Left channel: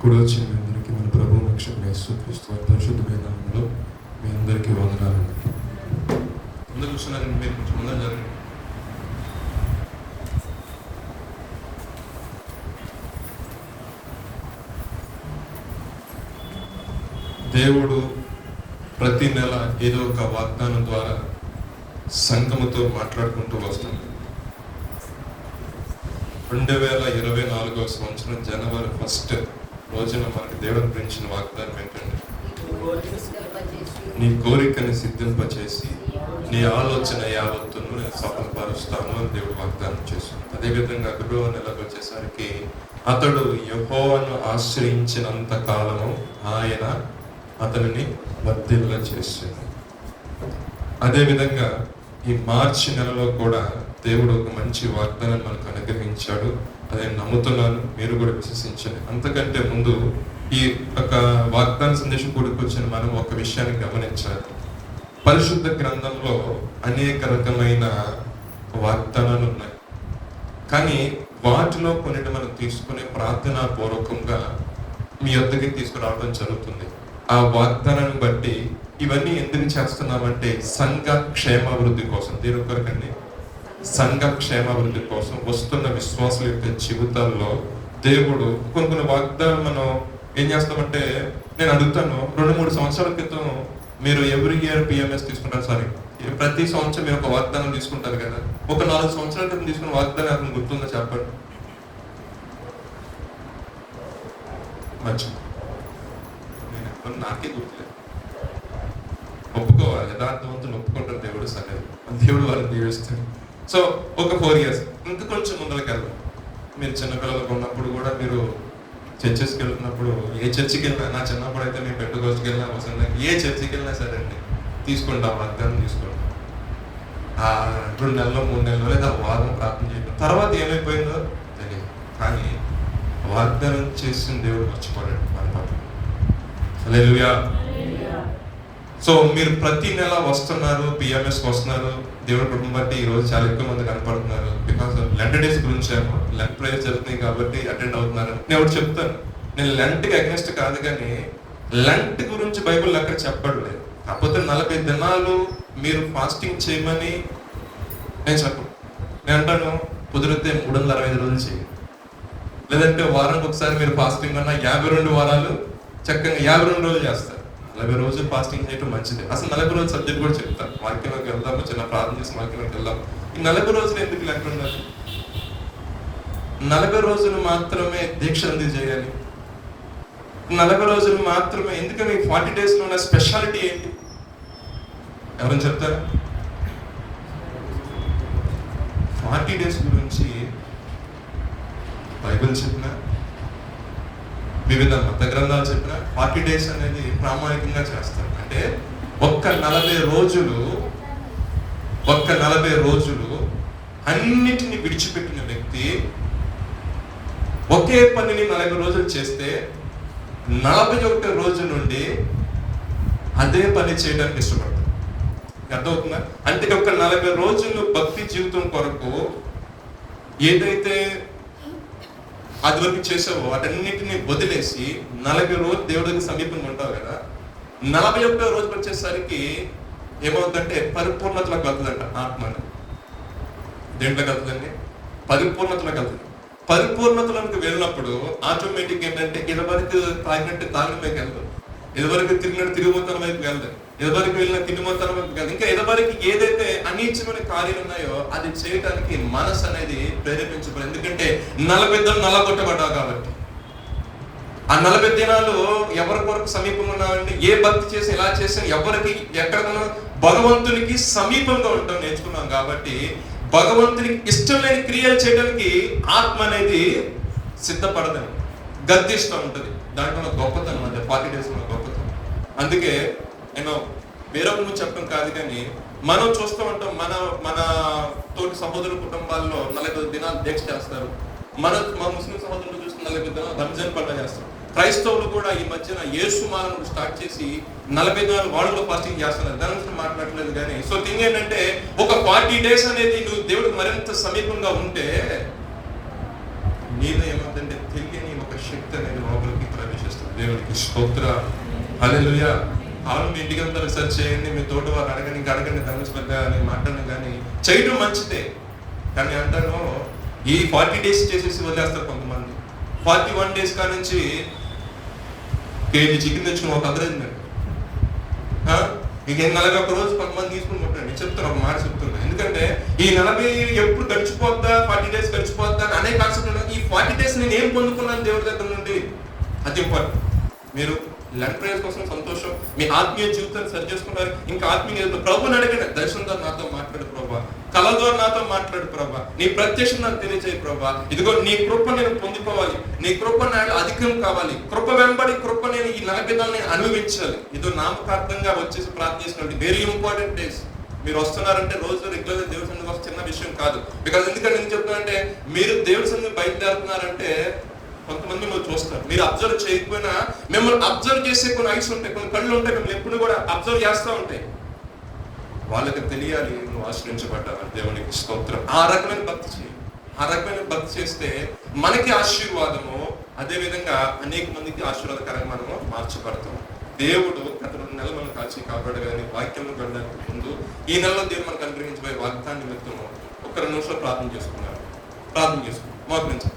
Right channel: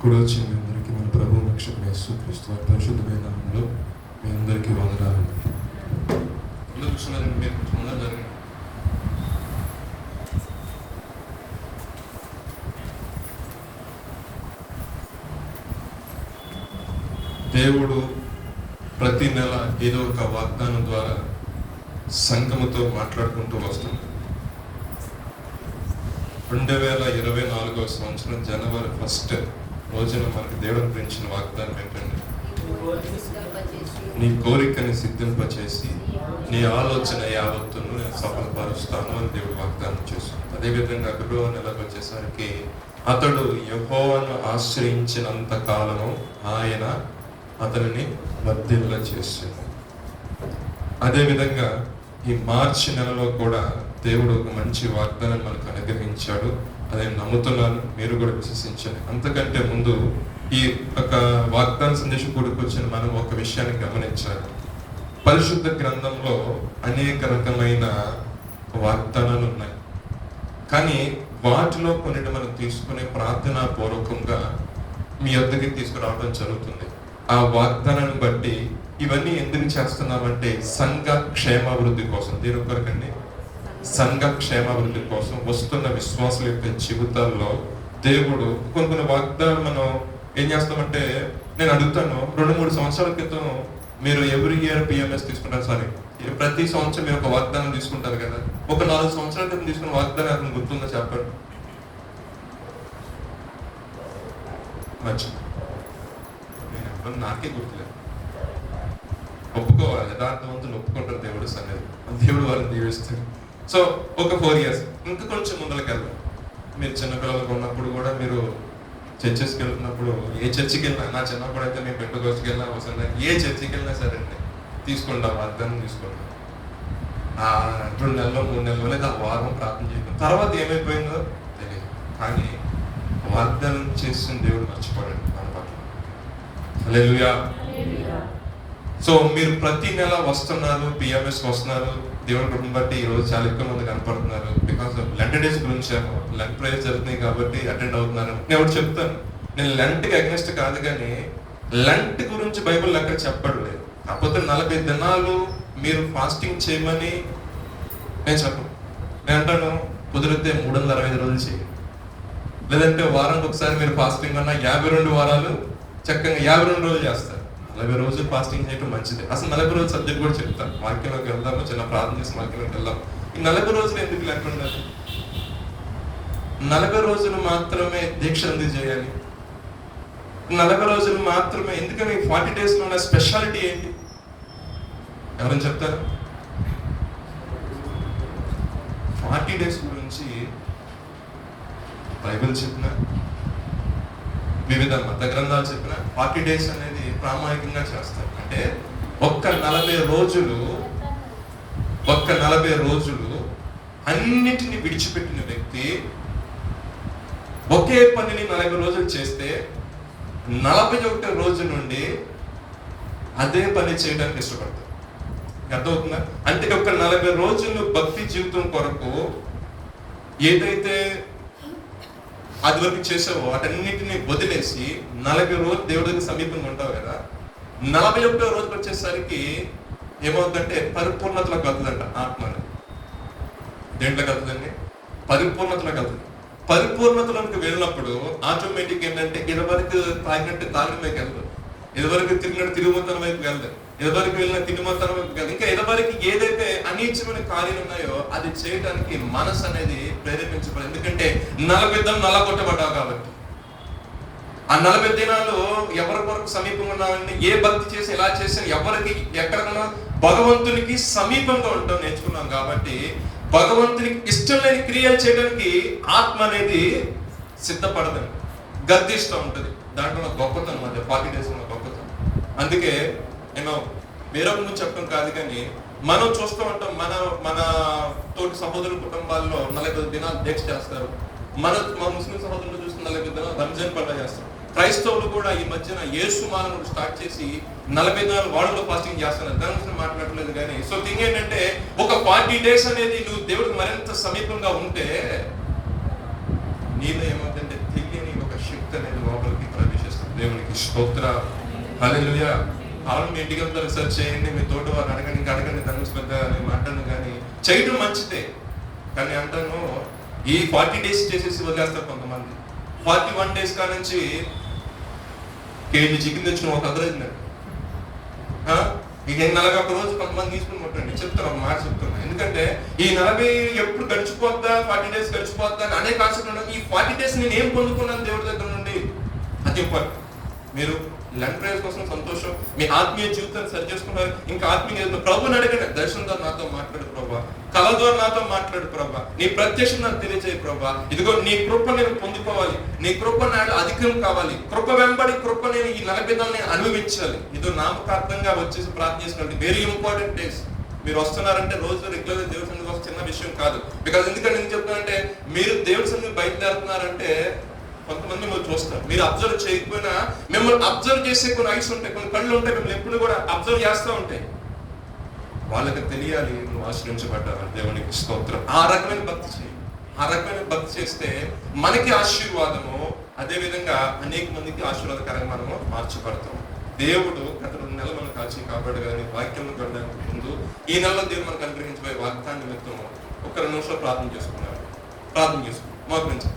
కూడా వచ్చి మీ అందరికీ మన ప్రభు రక్షకుడు యేసుక్రీస్తు పరిశుద్ధమైన నామములో మీ అందరికీ వందనాలు. అందరూ కూర్చున్నారండి, మీరు కొంచెం ముందర జరగండి. దేవుడు ప్రతి నెల ఏదో ఒక వాగ్దానం ద్వారా సంఘముతో మాట్లాడుకుంటూ వస్తున్నాం. 2024 సంవత్సరం జనవరి 1 రోజున మనకి దేవుడు పెంచిన వాగ్దానం ఏంటంటే, నీ కోరికని సిద్ధింపచేసి నీ ఆలోచన యావత్తును నేను సఫలపరుస్తాను అని దేవుడు వాగ్దానం చేశాడు. అదేవిధంగా ఫిబ్రవరి నెలకు వచ్చేసరికి అతడు యెహోవాను ఆశ్రయించినంత కాలం ఆయన అతనిని వర్ధిల్ల చేశాడు. అదేవిధంగా ఈ మార్చి నెలలో కూడా దేవుడు ఒక మంచి వాగ్దానం మనకు అనుగ్రహించాడు. అదే నమ్ముతున్నాను, మీరు కూడా విశ్వసించండి. అంతకంటే ముందు ఈ ఒక వాగ్దాన సందేశం కూడుకొచ్చిన మనం ఒక విషయాన్ని గమనించాలి. పరిశుద్ధ గ్రంథంలో అనేక రకమైన వాగ్దానాలు ఉన్నాయి, కానీ వాటిలో కొన్నిటి మనం తీసుకునే ప్రార్థనా పూర్వకంగా మీ యొద్దకి తీసుకురావడం జరుగుతుంది. ఆ వాగ్దానాన్ని బట్టి ఇవన్నీ ఎందుకు చేస్తున్నామంటే సంఘ క్షేమాభివృద్ధి కోసం, దీని ఒక్కరికండి సంఘ క్షేమాభివృద్ధి కోసం వస్తున్న విశ్వాసుల యొక్క జీవితాల్లో దేవుడు కొన్ని వాగ్దానాలు మనం ఏం చేస్తామంటే, నేను అడుగుతాను, 2-3 సంవత్సరాల క్రితం మీరు ఎవ్రీ ఇయర్ పిఎంఎస్ తీసుకుంటారు, సారీ ప్రతి సంవత్సరం మీరు ఒక వాగ్దానం తీసుకుంటారు కదా, ఒక 4 సంవత్సరాల క్రితం తీసుకున్న వాగ్దానం గుర్తుందా చెప్పండి? మంచి నాకే గుర్తులేదు. ఒప్పుకోవాలి, యథార్థవంతులు ఒప్పుకుంటారు, దేవుడు సరే, దేవుడు వాళ్ళు దీవిస్తారు. సో ఒక 4 years ఇంకా కొంచెం ముందరికి వెళ్దాం. మీరు చిన్నపిల్లలకు ఉన్నప్పుడు కూడా మీరు చర్చెస్కి వెళ్తున్నప్పుడు, ఏ చర్చికి వెళ్ళినా, నా చిన్నప్పుడు అయితే నేను పెట్టుకోవచ్చుకి వెళ్ళినా అవసరం, ఏ చర్చికి వెళ్ళినా సరే అండి తీసుకుంటాం, వాగ్దానం తీసుకుంటాం. 2 నెలలు 3 నెలలు లేదా వారం ప్రార్థన చేయడం తర్వాత ఏమైపోయిందో తెలియదు, కానీ వాగ్దానం చేసిన దేవుడు మర్చిపోయాడు మన పట్ల. హల్లెలూయా. సో మీరు ప్రతి నెల వస్తున్నారు, పిఎంఎస్కి వస్తున్నారు, దేవుడి కుటుంబం బట్టి ఈరోజు చాలా ఎక్కువ మంది కనపడుతున్నారు. బికాస్ లెంట్ డేస్ గురించి లెంట్ ప్రేయర్స్ జరుగుతున్నాయి కాబట్టి అటెండ్ అవుతున్నారు. నేను ఒకటి చెప్తాను, నేను లెంట్కి అగెన్స్ట్ కాదు, కానీ లెంట్ గురించి బైబిల్ ఎక్కడ చెప్పడు. కాకపోతే 40 దినాలు మీరు ఫాస్టింగ్ చేయమని నేను చెప్పను. నేను అంటాను, కుదిరితే 365 రోజులు చేయండి, లేదంటే వారానికి ఒకసారి మీరు ఫాస్టింగ్ అన్నా 52 వారాలు చక్కగా 52 రోజులు చేస్తారు. 40 రోజులు ఫాస్టింగ్ చేయడం మంచిది. అసలు 40 రోజులు సబ్జెక్ట్ కూడా చెప్తాను. వాక్యంలోకి వెళ్దాము, చిన్న ప్రార్థన చేసి వాక్యంలోకి వెళ్దాం. ఈ 40 రోజులు ఎందుకు లేకుండా 40 రోజులు మాత్రమే దీక్ష ఎందుకు చేయాలి? 40 రోజులు మాత్రమే ఎందుకని? 40 days లో ఉన్న స్పెషాలిటీ ఏంటి ఎవరైనా చెప్తారా? 40 days గురించి బైబిల్ చెప్పిన, వివిధ మత గ్రంథాలు చెప్పిన 40 days అనేది ప్రామాణికంగా చేస్తారు. అంటే ఒక్క 40 రోజులు అన్నిటిని విడిచిపెట్టిన వ్యక్తి ఒకే పనిని 40 రోజులు చేస్తే 41 రోజు నుండి అదే పని చేయడానికి ఇష్టపడతారు. అర్థమవుతుందా? అంటే ఒక 40 రోజులు భక్తి జీవితం కొరకు ఏదైతే అది వరకు చేసావో వాటన్నిటిని వదిలేసి 40 రోజులు దేవుడికి సమీపంగా ఉంటావు కదా, 41వ రోజుకి వచ్చేసరికి ఏమవుతుందంటే పరిపూర్ణతలోకి వెళ్తుందంట. ఆత్మని దేంట్లో కలుగుతుందండి? పరిపూర్ణతలోకి వెళ్తుంది. పరిపూర్ణతలోకి వెళ్ళినప్పుడు ఆటోమేటిక్ ఏంటంటే ఇదివరకు తాగినట్టు తాగిన వైపు వెళ్తాం, ఇదివరకు తిరిగినట్టు తిరుగుతనం వైపు వెళ్తాం, ఇదివరకు వెళ్ళిన తిరుగుతనం వైపు వెళ్తాం. ఇంకా ఇదివరకు ఏదైతే అనిచ్చమైన కార్యాలు ఉన్నాయో అది చేయడానికి మనసు అనేది ప్రేరేపించబడి, ఎందుకంటే 40 దినాలు నల్లగొట్టబడ్డావు కాబట్టి. ఆ 40 దినాలు ఎవరి కొరకు సమీపంగా ఉన్నామండి? ఏ భక్తి చేసి ఎలా చేసి ఎవరికి ఎక్కడ భగవంతునికి సమీపంగా ఉంటాం నేర్చుకున్నాం కాబట్టి భగవంతునికి ఇష్టం లేని క్రియలు చేయడానికి ఆత్మ అనేది సిద్ధపడదని గర్దిస్తూ ఉంటుంది. దాంట్లో గొప్పతనం అంటే 40 days ఉన్న గొప్పతనం. అందుకే నేను వేరే ముందు చెప్పడం కాదు, కానీ మనం చూస్తూ ఉంటాం, మన తోటి సహోదరు కుటుంబాల్లో 40 దినాలు దీక్ష చేస్తారు. మా ముస్లిం సహోదరులు చూసిన 40 దినాలు రంజాన్ పండుగ చేస్తారు. క్రైస్తవులు కూడా ఈ మధ్యన యేసు మానవుడు స్టార్ట్ చేసి 40 దినాలు వాళ్ళు ఫాస్టింగ్ చేస్తున్నారు. దాని గురించి మాట్లాడలేదు, కానీ సో థింగ్ ఏంటంటే ఒక 40 days అనేది నువ్వు దేవుడికి మరింత సమీపంగా ఉంటే నీలో ఏమంటే దేవునికి స్తోత్ర. హల్లెలూయా. కాలం ఇంటికి వెళ్తారు, రీసెర్చ్ చేయండి, మీ తోట వారు అడగండి, ఇంకా అడగండి, దాని గురించి పెద్ద మాట్లాడండి. కానీ చేయడం మంచిదే, కానీ అంటాను ఈ 40 days చేసేసి వదిలేస్తారు కొంతమంది. 41 days కా నుంచి కేజీ చికెన్ తెచ్చుకుని ఒక అదరేజ్ మీకు 41 రోజు కొంతమంది తీసుకుని కొట్టండి. చెప్తారు, ఒక మాట చెప్తున్నారు. ఎందుకంటే ఈ 40 ఎప్పుడు గడిచిపోద్దా, 40 days గడిచిపోద్దా అని అనే కాన్సెప్ట్ ఉన్నది. ఈ 40 days నేను ఏం పొందుకున్నాను దేవుడి దగ్గర నుండి, అది ఇంపార్టెంట్. మీరు లెంట్ ప్రేయర్ కోసం సంతోషం, మీ ఆత్మీయ జీవితాన్ని సరి చేసుకున్నారు. ఇంకా ఆత్మీయ జీవితం ప్రభుని అడిగిన దర్శనంతో నాతో మాట్లాడు ప్రభా, కలతో నాతో మాట్లాడు ప్రభా, నీ ప్రత్యక్షం నాకు తెలియజేయ ప్రభా. ఇదిగో నీ కృప నేను పొందుకోవాలి, నీ కృప నాకు అధికం కావాలి, కృప వెంబడి కృప నేను ఈ 40 దినాలని అనుభవించాలి. ఇదో నామకార్థంగా వచ్చేసి ప్రార్థించుకోండి. Very important days. మీరు వస్తున్నారంటే రోజు రెగ్యులర్ దేవుడి సన్నిధికి వస్తే చిన్న విషయం కాదు. బికాజ్ ఎందుకంటే నేను చెప్తానంటే, మీరు దేవుడి సన్నిధికి బయలుదేరుతున్నారంటే కొంతమంది మీరు చూస్తారు, మీరు అబ్జర్వ్ చేయకపోయినా మిమ్మల్ని అబ్జర్వ్ చేసే కొన్ని ఐస్ ఉంటాయి, కొన్ని కళ్ళు ఉంటాయి, మిమ్మల్ని ఎప్పుడు కూడా అబ్జర్వ్ చేస్తూ ఉంటాయి. వాళ్ళకి తెలియాలి నువ్వు ఆశ్రయించబడ్డావు. దేవునికి స్తోత్రం. ఆ రకమైన భక్తి చేయి. ఆ రకమైన భక్తి చేస్తే మనకి ఆశీర్వాదము, అదే విధంగా అనేక మందికి ఆశీర్వాదకరంగా మనము మార్చబడతాం. దేవుడు గత 2 నెలలు మనం కాచి కాపాడు. కానీ వాక్యంలో గమనించే ముందు ఈ నెలలో దేవుడు మనకు అనుగ్రహించబోయే వాగ్దాన్ని నిమిత్తం ఒక 2 నిమిషాలు ప్రార్థన చేసుకున్నారు. ప్రార్థన చేసుకున్నాం, మోకరించాం.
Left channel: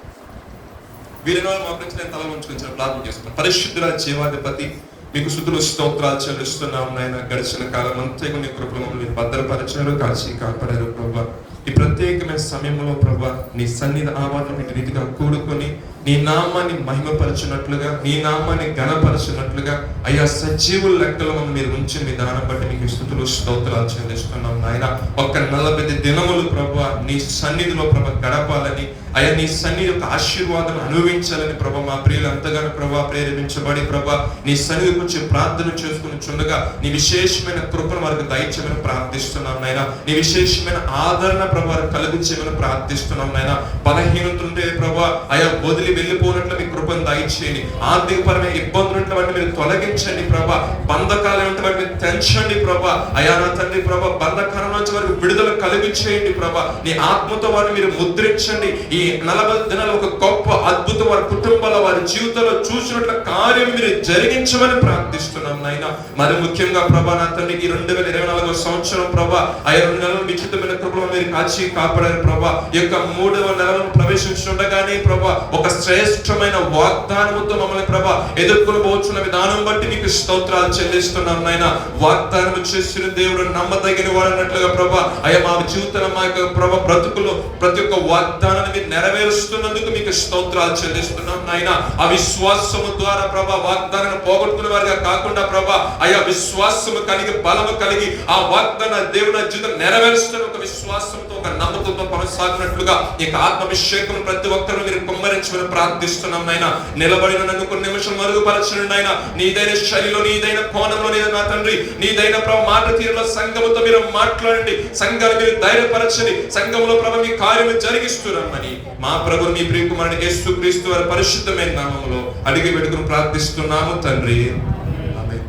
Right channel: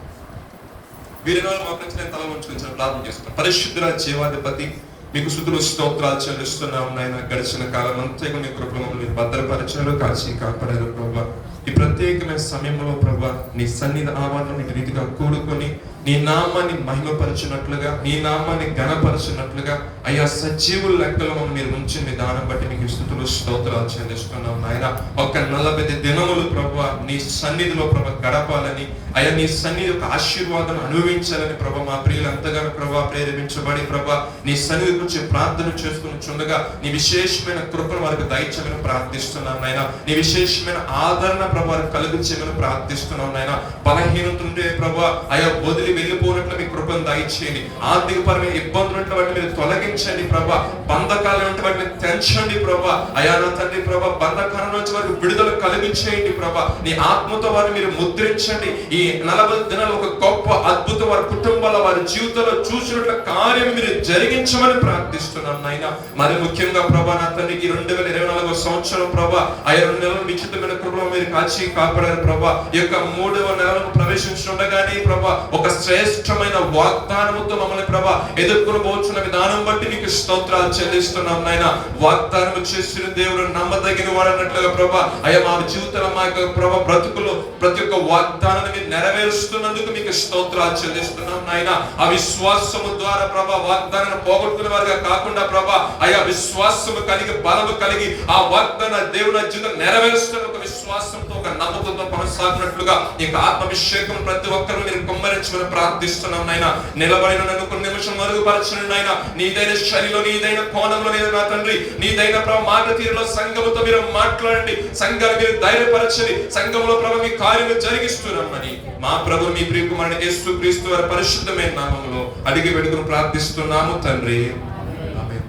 వీరిలో మోకరించి నేను తల ముంచుకొని ప్రార్థన చేసుకున్నాను. పరిశుద్ధ జీవాధిపతి, మీకు స్తుతులు స్తోత్రాలు చెల్లిస్తున్నాము నాయన. గడిచిన కాలం అంతేగా మీ కృపలో మీరు భద్రపరచారు, కాచి కాపాడారు ప్రభా. ఈ ప్రత్యేకమైన సమయంలో ప్రభా నీ సన్నిధి ఆవాలని రీతిగా కూడుకొని నీ నామాన్ని మహిమపరచినట్లుగా, నీ నామాన్ని ఘనపరచినట్లుగా అయ్యా సజీవుల లెక్కలో మీరు ఉంచింది. దాన్ని బట్టి నీకు స్తుతులు స్తోత్రాలు చెల్లిస్తున్నాం నాయన. ఒక 40 దినములు ప్రభా నీ సన్నిధిలో ప్రభా గడపాలని, అయ్యా నీ సన్నిధి యొక్క ఆశీర్వాదాన్ని అనుభవించాలని ప్రభా మా ప్రియులు ఎంతగానో ప్రభా ప్రేరేపించబడి ప్రభా నీ సన్నిధి గురించి ప్రార్థన చేసుకుని చుండగా నీ విశేషమైన కృపను వారికి దయచేయమని ప్రార్థిస్తున్నాం నాయన. నీ విశేషమైన ఆదరణ ప్రభా కలిగించేమని ప్రార్థిస్తున్నాం నాయన. బలహీనతుంటే ప్రభా అయా వదిలి వెళ్ళిపోయినట్లు మీ కృపను దయచేయండి. ఆర్థికపరమైన ఇబ్బందులు వాటిని మీరు తొలగించండి ప్రభా. బంధకాలు వాటిని తెంచండి ప్రభా. అయా నా తండ్రి ప్రభా, బంధకాల నుంచి వారికి విడుదల కలిగించేయండి ప్రభా. నీ ఆత్మతో వారిని మీరు ముద్రించండి. ఈ 40 దినాలు ఒక గొప్ప అద్భుతం వారి కుటుంబాల వారి జీవితంలో చూసినట్ల కార్యం మీరు జరిగించమని ప్రార్థిస్తున్నాం నాయన. మరి ముఖ్యంగా ప్రభా నా తండ్రి ఈ 2024 సంవత్సరం ప్రభా అయా 2 నెలలు విచిత్రమైన కృపలో మీరు కాచి కాపాడారు ప్రభా. ఈ యొక్క 3వ నెలను ప్రవేశించుండగానే ప్రభా ఒక శ్రేష్టమైన వాగ్దానముతో మమ్మల్ని ప్రభా ఎదుర్కొని పోతున్న విధానం బట్టి మీకు స్తోత్రాలు చెల్లిస్తున్నాం నాయన. వాగ్దానం చేసిన దేవుడు నమ్మదగిన వాడన్నట్లుగా ప్రభా అయ్యా మా జీవితంలో మా యొక్క ప్రభా బ్రతుకులో ప్రతి ఒక్క వాగ్దానాన్ని మీరు నెరవేరుస్తున్నందుకు మీకు స్తోత్రాలు చెల్లిస్తున్నాం నాయన. ఆ విశ్వాసము ద్వారా ప్రభా వాగ్దానాన్ని పోగొట్టుకునే వారిగా కాకుండా ప్రభా అయ్యా విశ్వాసము కలిగి బలము కలిగి ఆ వాగ్దాన దేవుని జీవితం నెరవేరుస్తున్న ఒక విశ్వాసంతో ఒక నమ్మకంతో కొనసాగినట్లుగా ఇక ఆత్మాభిషేకం ప్రతి ఒక్కరు మీరు కుమ్మరించమని ప్రార్థిస్తున్నాం నాయన. నిలబడిన నన్ను కొన్ని నిమిషం మరుగుపరచండి నాయన. నీదైన శైలిలో, నీదైన కోణంలో నా తండ్రి, నీదైన ప్రభు మాట తీరులో సంఘముతో మీరు మాట్లాడండి. సంఘాన్ని మీరు ధైర్యపరచండి. సంఘంలో ప్రభు మీ కార్యము జరిగిస్తున్నామని మా ప్రభు మీ ప్రియకుమారుని యేసుక్రీస్తు వారి పరిశుద్ధమైన నామములో అడిగి పెట్టుకుని ప్రార్థిస్తున్నాము తండ్రి.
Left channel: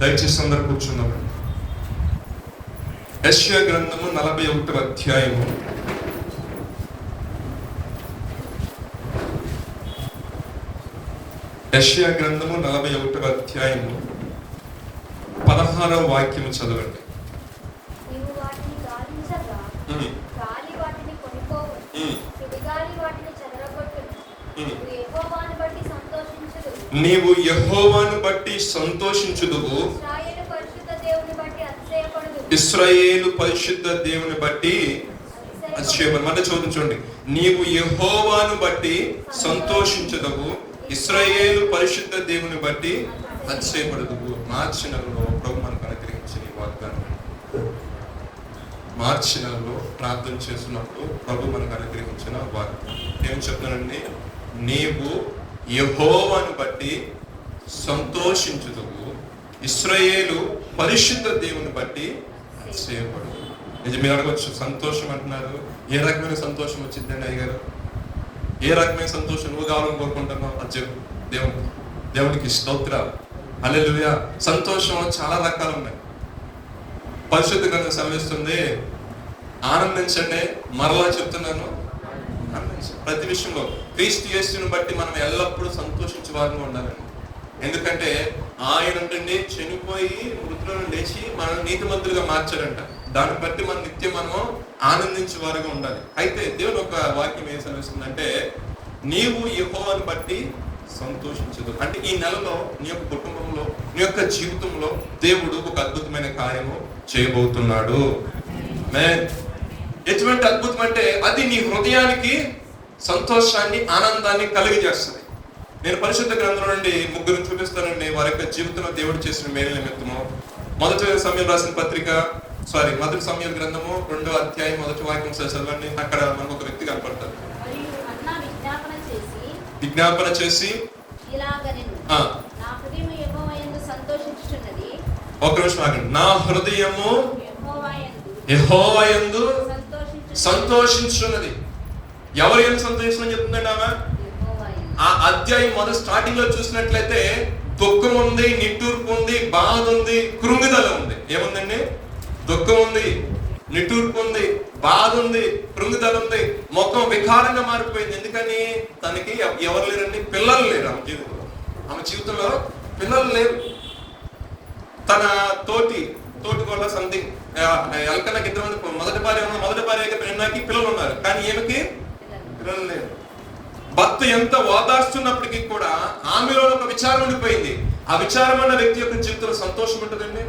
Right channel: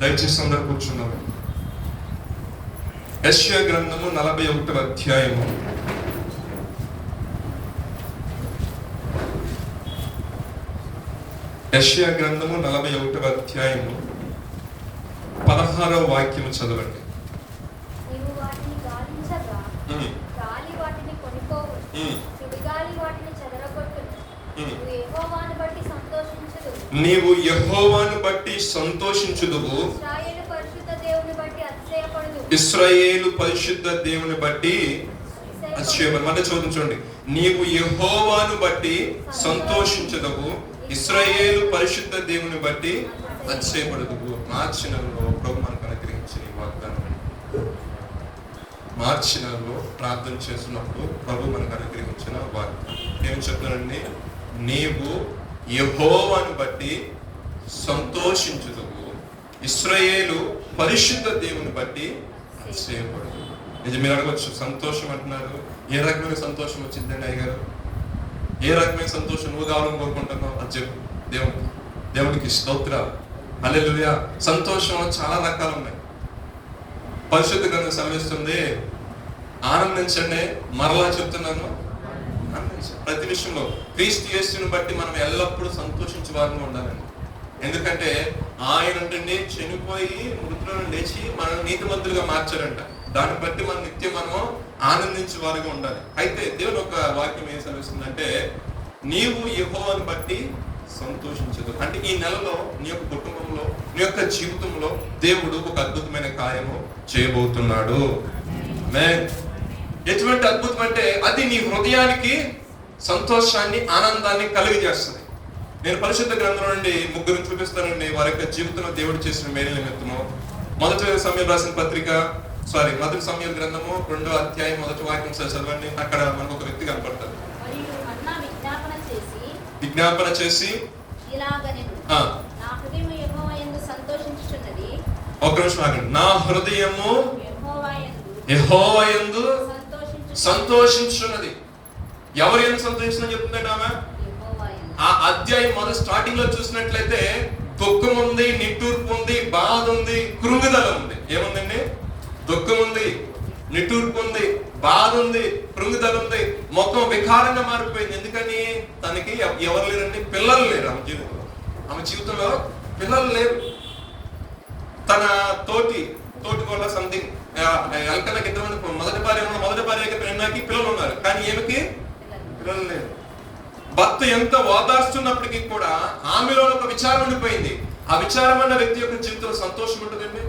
దయచేసి అందరూ కూర్చున్నాము. యెషయా గ్రంథము 41వ అధ్యాయము యెషయా గ్రంథము 41వ అధ్యాయము 16వ వాక్యము చదవండి. నీవు యెహోవాను బట్టి సంతోషించుదువు, ఇశ్రాయేలు పరిశుద్ధ దేవుని బట్టి అతిశయపడు. అంటే చూడండి, నీవు యెహోవాను బట్టి సంతోషించుదువు, ఇశ్రాయేలు పరిశుద్ధ దేవుని బట్టి అతిశయపడుదువు. మార్చి నెలలో ప్రభు మనకు అనుగ్రహించిన వాగ్దానం. మార్చి నెలలో ప్రార్థన చేసినప్పుడు ప్రభు మనకు అనుగ్రహించిన వాగ్దానం ఏం చెప్తానండి? నీవు యెహోవాను బట్టి సంతోషించుదువు, ఇశ్రాయేలు పరిశుద్ధ దేవుని బట్టి అతిశయపడు. ఇది మీరు అడగవచ్చు, సంతోషం అంటున్నారు, ఏ రకమైన సంతోషం వచ్చిందండి అయ్యగారు? ఏ రకమైన సంతోషం నువ్వు కావాలని కోరుకుంటున్నావు అని చెప్పు. దేవునికి స్తోత్రాలు. హల్లెలూయా. సంతోషం చాలా రకాలు ఉన్నాయి. పరిశుద్ధ గ్రంథం సెలవిస్తుంది, ఆనందించండి. మరలా చెప్తున్నాను, ప్రతి విషయంలో క్రీస్తు యేసుని బట్టి మనం ఎల్లప్పుడూ సంతోషించే వారిని ఉండాలని. ఎందుకంటే ఆయన అంటే చనిపోయి మృతులను లేచి మనల్ని నీతిమంతులుగా మార్చారంట. దాన్ని బట్టి మనం నిత్యం మనము ఆనందించే వారిగా ఉండాలి. అయితే దేవుడు ఒక వాక్యం ఏం సెలవిస్తుందంటే, నీవు యెహోవాను బట్టి సంతోషించదు. అంటే ఈ నెలలో నీ యొక్క కుటుంబంలో, నీ యొక్క జీవితంలో దేవుడు ఒక అద్భుతమైన కార్యము చేయబోతున్నాడు. ఎటువంటి అద్భుతం అంటే అది నీ హృదయానికి సంతోషాన్ని, ఆనందాన్ని కలిగజేస్తుంది. నేను పరిశుద్ధ గ్రంథం నుండి 3 చూపిస్తానండి వారి యొక్క జీవితంలో దేవుడు చేసిన మేలు నిమిత్తము. మొదటి సమయం రాసిన పత్రిక మొదటి సమయం గ్రంథము 2వ అధ్యాయం 1వ వాక్యం చదవండి. అక్కడ మనకు ఒక వ్యక్తి కనపడతారు. విజ్ఞాపన చేసి ఒక నిమిషం ఆగండి. నా హృదయము యెహోవా యందు సంతోషించున్నది. ఎవరు యందు సంతోషించమని చెప్తుందండి ఆమె? ఆ అధ్యాయం మొదటి స్టార్టింగ్ లో చూసినట్లయితే దుఃఖం ఉంది, నిట్టూర్పు ఉంది, బాధ ఉంది, కృంగుదల ఉంది. ఏముందండి? దుఃఖం ఉంది, నిట్టూర్పు ఉంది, బాధ ఉంది, కృంగుదల ఉంది. మొత్తం వికారంగా మారిపోయింది. ఎందుకని? తనకి ఎవరు లేరండి, పిల్లలు లేరు ఆమె జీవితంలో. ఆమె జీవితంలో పిల్లలు లేరు. తన తోటి కూడా సంథింగ్ ఎలకలకి ఇద్దరు మొదటి భార్య పిల్లలు ఉన్నారు, కానీ ఈమెకి పిల్లలు లేరు. భర్త ఎంత ఓదార్స్తున్నప్పటికీ కూడా ఆమెలో ఒక విచారం ఉండిపోయింది. ఆ విచారం అన్న వ్యక్తి యొక్క జీవితంలో సంతోషం ఉంటుందండి.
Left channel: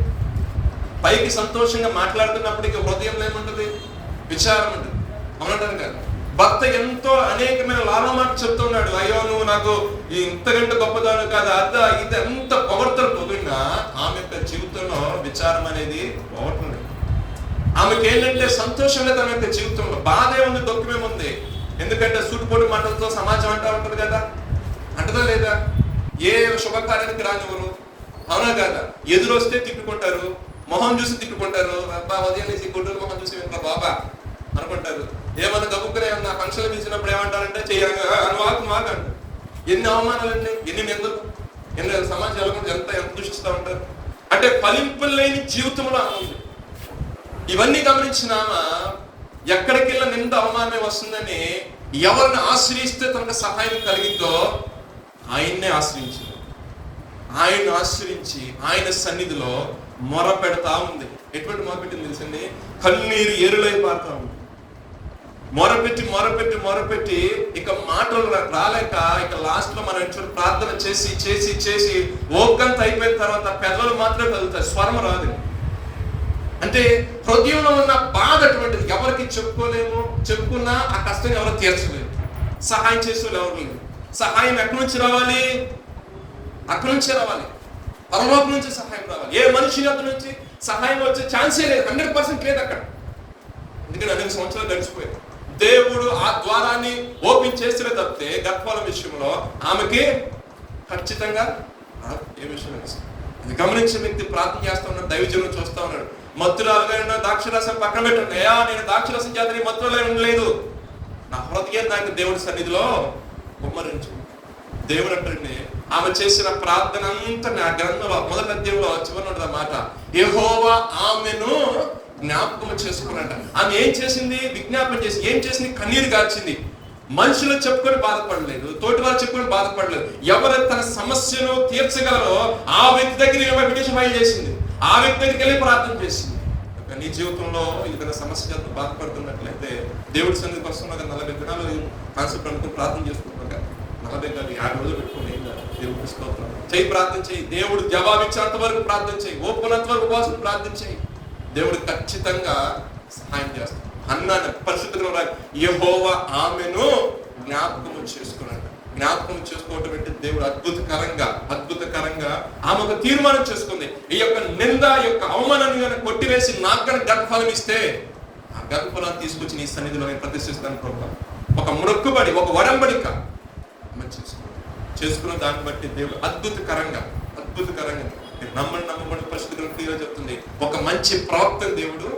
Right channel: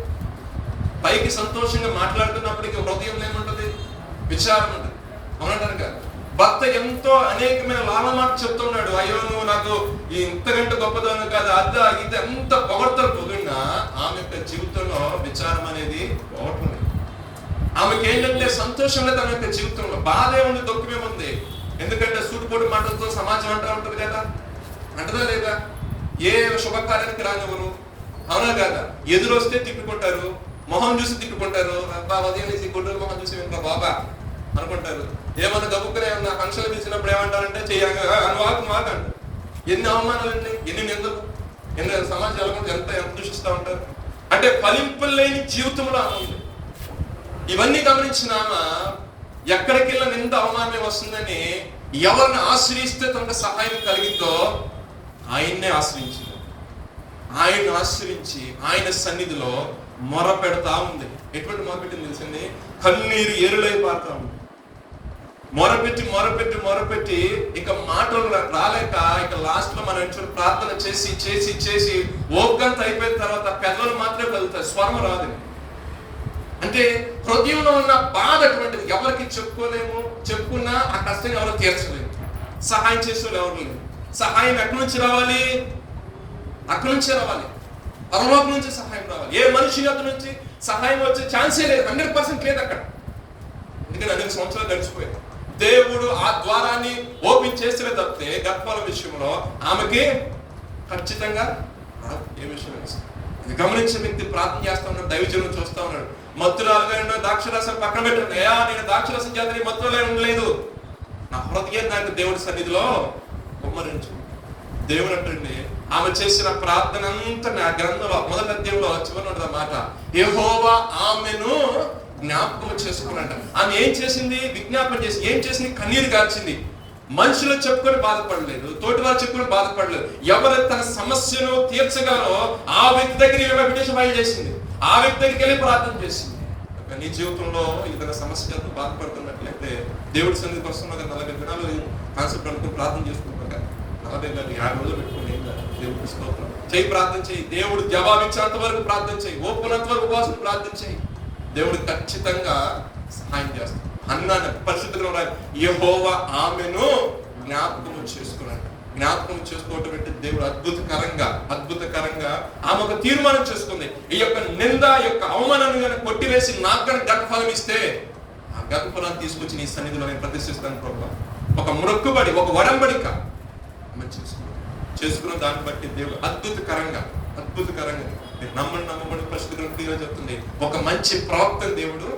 పైకి సంతోషంగా మాట్లాడుతున్నప్పటికీ హృదయం ఏముంటుంది? విచారం ఉంటుంది. అవునంటారు కదా. భర్త ఎంతో అనేకమైన లాభమాట చెప్తున్నాడు. అయ్యో నువ్వు నాకు ఇంతకంటే గొప్పదాను కాదు, ఇది ఎంత పొగడ్తలు పొందినా ఆమె యొక్క జీవితంలో విచారం అనేది పోవట్లేదు. ఆమెకి ఏంటంటే సంతోషంగా తన యొక్క జీవితంలో బాధే ఉంది, దుఃఖమేముంది. ఎందుకంటే సూటిపోటు మాటలతో సమాజం అంటా ఉంటుంది కదా, అంటదా లేదా? ఏ శుభకార్యానికి రానివ్వరు, అవునా కదా? ఎదురొస్తే తిట్టుకుంటారు, మొహం చూసి తిట్టుకుంటారు. అబ్బా ఉదయం గుండెలు మొహం చూసి ఇంకా బాబా అనుకుంటారు. ఏమన్నా గబుక్కునే నా ఫంక్షన్ తీసినప్పుడు ఏమంటారంటే మాకంటారు. ఎన్ని అవమానాలండి, ఎన్ని నిందలు, ఎన్ని సమాజం ఎంత దూషిస్తూ ఉంటారు. అంటే ఫలింపులేని జీవితంలో ఉంది. ఇవన్నీ గమనించిన ఎక్కడికి వెళ్ళిన నింద అవమానం వస్తుందని ఎవరిని ఆశ్రయిస్తే తనకు సహాయం కలిగిందో ఆయన్నే ఆశ్రయించింది. ఆయన ఆశ్రయించి ఆయన సన్నిధిలో మొర పెడతా ఉంది. ఎటువంటి మొరపెట్టింది తెలుసండి? కన్నీరు ఏరులై పారుతా ఉంది. మొరపెట్టి ఇక మాటలు రాలేక ఇక లాస్ట్ లో మనం ప్రార్థన చేసి చేసి చేసి ఓకంత అయిపోయిన తర్వాత పెద్దలు మాత్రం కలుగుతాయి, స్వరం రాదు. అంటే హృదయంలో ఉన్న బాధ అటువంటిది. ఎవరికి చెప్పుకోలేము, చెప్పుకున్నా ఆ కష్టం ఎవరో తీర్చలేము, సహాయం చేసేవాళ్ళు ఎవరు లేరు. సహాయం ఎక్కడి నుంచి రావాలి? అక్కడి నుంచే రావాలి, పరలోకం నుంచి సహాయం రావాలి. ఏ మనిషి యొక్క నుంచి సహాయం వచ్చే ఛాన్సే లేదు, 100% లేదు అక్కడ. ఎందుకంటే 2 సంవత్సరాలు గడిచిపోయాయి. దేవుడు ఆ ద్వారాన్ని ఓపెన్ చేసిన తప్పితే గర్భాల విషయంలో ఆమెకి ఖచ్చితంగా ఏ విషయం ఇది గమనించిన వ్యక్తి ప్రార్థన చేస్తా ఉన్నాడు, దైవజనం చూస్తా ఉన్నాడు. మత్తురాలుగా ద్రాక్షరసం పక్కన పెట్టండి. నేను ద్రాక్షరసం చేత మత్తులో ఉండలేదు, నా హృదయం నాకు దేవుడి సన్నిధిలో కుమ్మరించు. దేవుడు అంటే ఆమె చేసిన ప్రార్థన అంతా ఆ గ్రంథంలో మొదటి అధ్యాయంలో చివరి ఉంటుంది మాట, యెహోవా ఆమెను జ్ఞాపకం చేసుకున్నాడ. ఆమె ఏం చేసింది? విజ్ఞాపన చేసి ఏం చేసింది? కన్నీరు గార్చింది. మనుషులు చెప్పుకొని బాధపడలేదు, తోటి వారు చెప్పుకొని బాధపడలేదు. ఎవరు తన సమస్యను తీర్చగలరో ఆ వ్యక్తి దగ్గర మెడిటేషన్ ఫైల్ చేసింది, ఆ వ్యక్తి దగ్గరికి వెళ్ళి ప్రార్థన చేసింది. నీ జీవితంలో ఏదైనా సమస్యలతో బాధపడుతున్నట్లయితే దేవుడి సన్నిధికి వస్తున్నా 40 దినాలు కాన్సెప్ట్ అనుకుని ప్రార్థన చేసుకుంటాం కదా, 40 కాదు 50 రోజులు పెట్టుకుని దేవుడు తీసుకోవడం చేయి, ప్రార్థన చేయి. దేవుడు జవాబిచ్చేంత వరకు ప్రార్థన చేయి, ఓపునంత వరకు ఉపవాసం ప్రార్థన చేయి. దేవుడు ఖచ్చితంగా సహాయం చేస్తాడు. అన్నాను పరిశుద్ధంగా యెహోవా ఆమెను జ్ఞాపకం చేసుకున్నాడు. జ్ఞాపకం చేసుకోవటం అంటే దేవుడు అద్భుతకరంగా ఆమెకు తీర్మానం చేసుకుంది. ఈ యొక్క నింద యొక్క అవమానాన్ని కనుక కొట్టివేసి నాకు కనుక గర్భఫలం ఇస్తే ఆ గర్భఫలాన్ని తీసుకొచ్చి నీ సన్నిధిలో నేను ప్రతిష్ఠిస్తాను ప్రభు. ఒక మొక్కుబడి, ఒక వరంబడిక చేసుకున్న దాన్ని బట్టి దేవుడు అద్భుతకరంగా నమ్మబడి పరిస్థితులు చెప్తుంది. ఒక మంచి ప్రవక్తను దేవుడు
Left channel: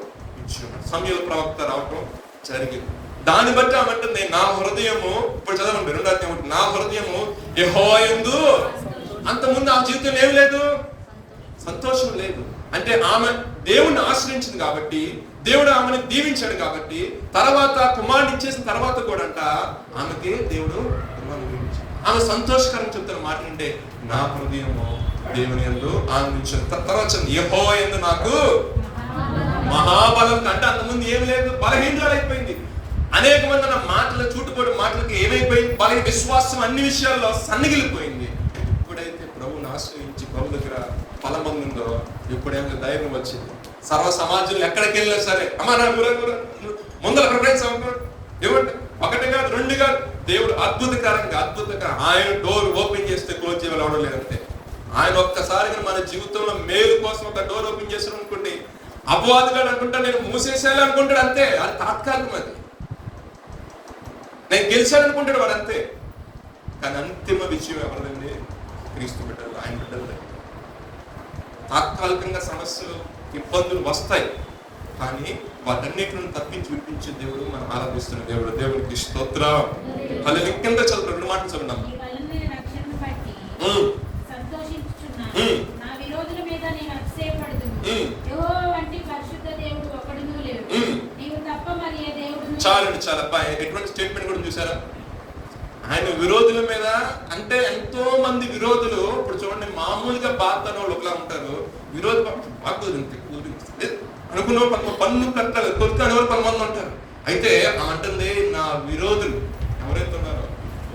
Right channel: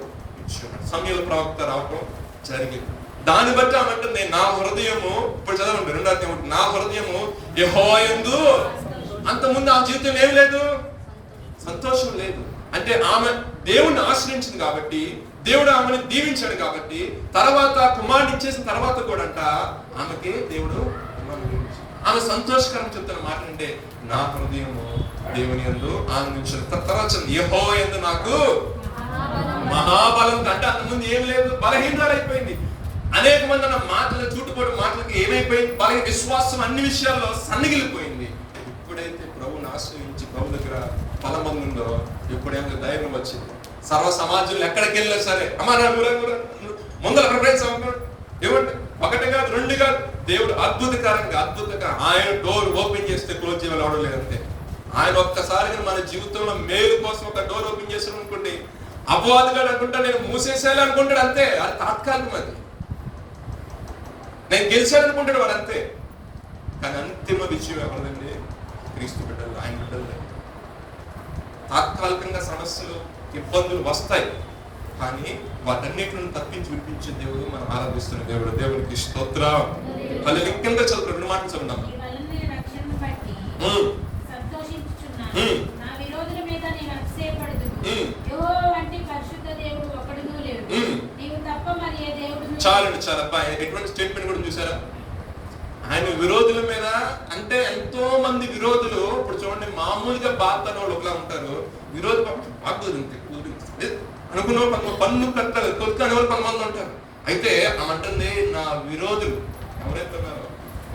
ఇచ్చాడు. సమయంలో ప్రవక్త రావటం జరిగింది. దాన్ని బట్టి అన్నట్టు నా హృదయము, ఇప్పుడు చదవండి 2వ అధ్యాయం, నా హృదయము యెహోవా యందు. అంతకుముందు ఆ జీవితం ఏం లేదు, సంతోషం లేదు. అంటే ఆమె దేవుణ్ణి ఆశ్రయించింది కాబట్టి, దేవుడు ఆమెను దీవించాడు కాబట్టి తర్వాత కుమారుని ఇచ్చేసిన తర్వాత కూడా అంట ఆమెకి దేవుడు కుమారుని దీవించాడు. ఆమె సంతోషకరం చెప్తున్న మాట అంటే నా హృదయము దేవుని యందు ఆనందించాడు. తర్వాత యెహోవా యందు నాకు మహాబలం అంటే అంతకుముందు ఏమి లేదు, బలహీనరాలు అయిపోయింది. అనేక మంది అన్న మాటలు చూటుపోటు మాటలకి ఏమైపోయింది, బలహీన విశ్వాసం అన్ని విషయాల్లో సన్నగిలిపోయింది. ఎప్పుడైతే ప్రభువుని ఆశ్రయించి ప్రభు దగ్గర ఫలం పొందిందో ఇప్పుడేమో ధైర్యం వచ్చింది. సర్వ సమాజంలో ఎక్కడికి వెళ్ళినా సరే అమ్మా నా ముందర ప్రిఫరెన్స్ ఇవ్వండి. ఒకటి కాదు, రెండు కాదు, దేవుడు అద్భుతంగా ఆయన డోర్ ఓపెన్ చేస్తే క్లోజ్ చేయాలి అవడం లేదంటే. ఆయన ఒక్కసారిగా మన జీవితంలో మేలు కోసం ఒక డోర్ ఓపెన్ చేసాను అనుకోండి, అపవాదిగా అనుకుంటా నేను మూసేసేయాలి అనుకుంటాడు అంతే. అది తాత్కాలికం, అది నేను గెలిచాను అనుకుంటాడు వాడు అంతే. కానీ అంతిమ విషయం ఎవరిదండి? క్రీస్తు బిడ్డలు, ఆయన బిడ్డలు. తాత్కాలికంగా సమస్యలు ఇబ్బందులు వస్తాయి, కానీ వాటన్నిటిని తప్పించి విడిపించే దేవుడు మనం ఆరాధిస్తున్న దేవుడు. దేవుడికి స్తోత్రం. వాళ్ళు కింద చదువు, రెండు మాటలు చదువుదాం. చాలండి, చాలా ఎటువంటి స్టేట్మెంట్ కూడా చూసారా? ఆయన విరోధుల మీద, అంటే ఎంతో మంది విరోధులు. ఇప్పుడు చూడండి, మామూలుగా బాధలో ఒకలా ఉంటారు, విరోధి అనుకున్న పన్ను కట్టాలి, కొడుకు అనేవారు 10 మంది ఉంటారు. అయితే అంటుంది నా విరోధులు ఎవరైతే ఉన్నారో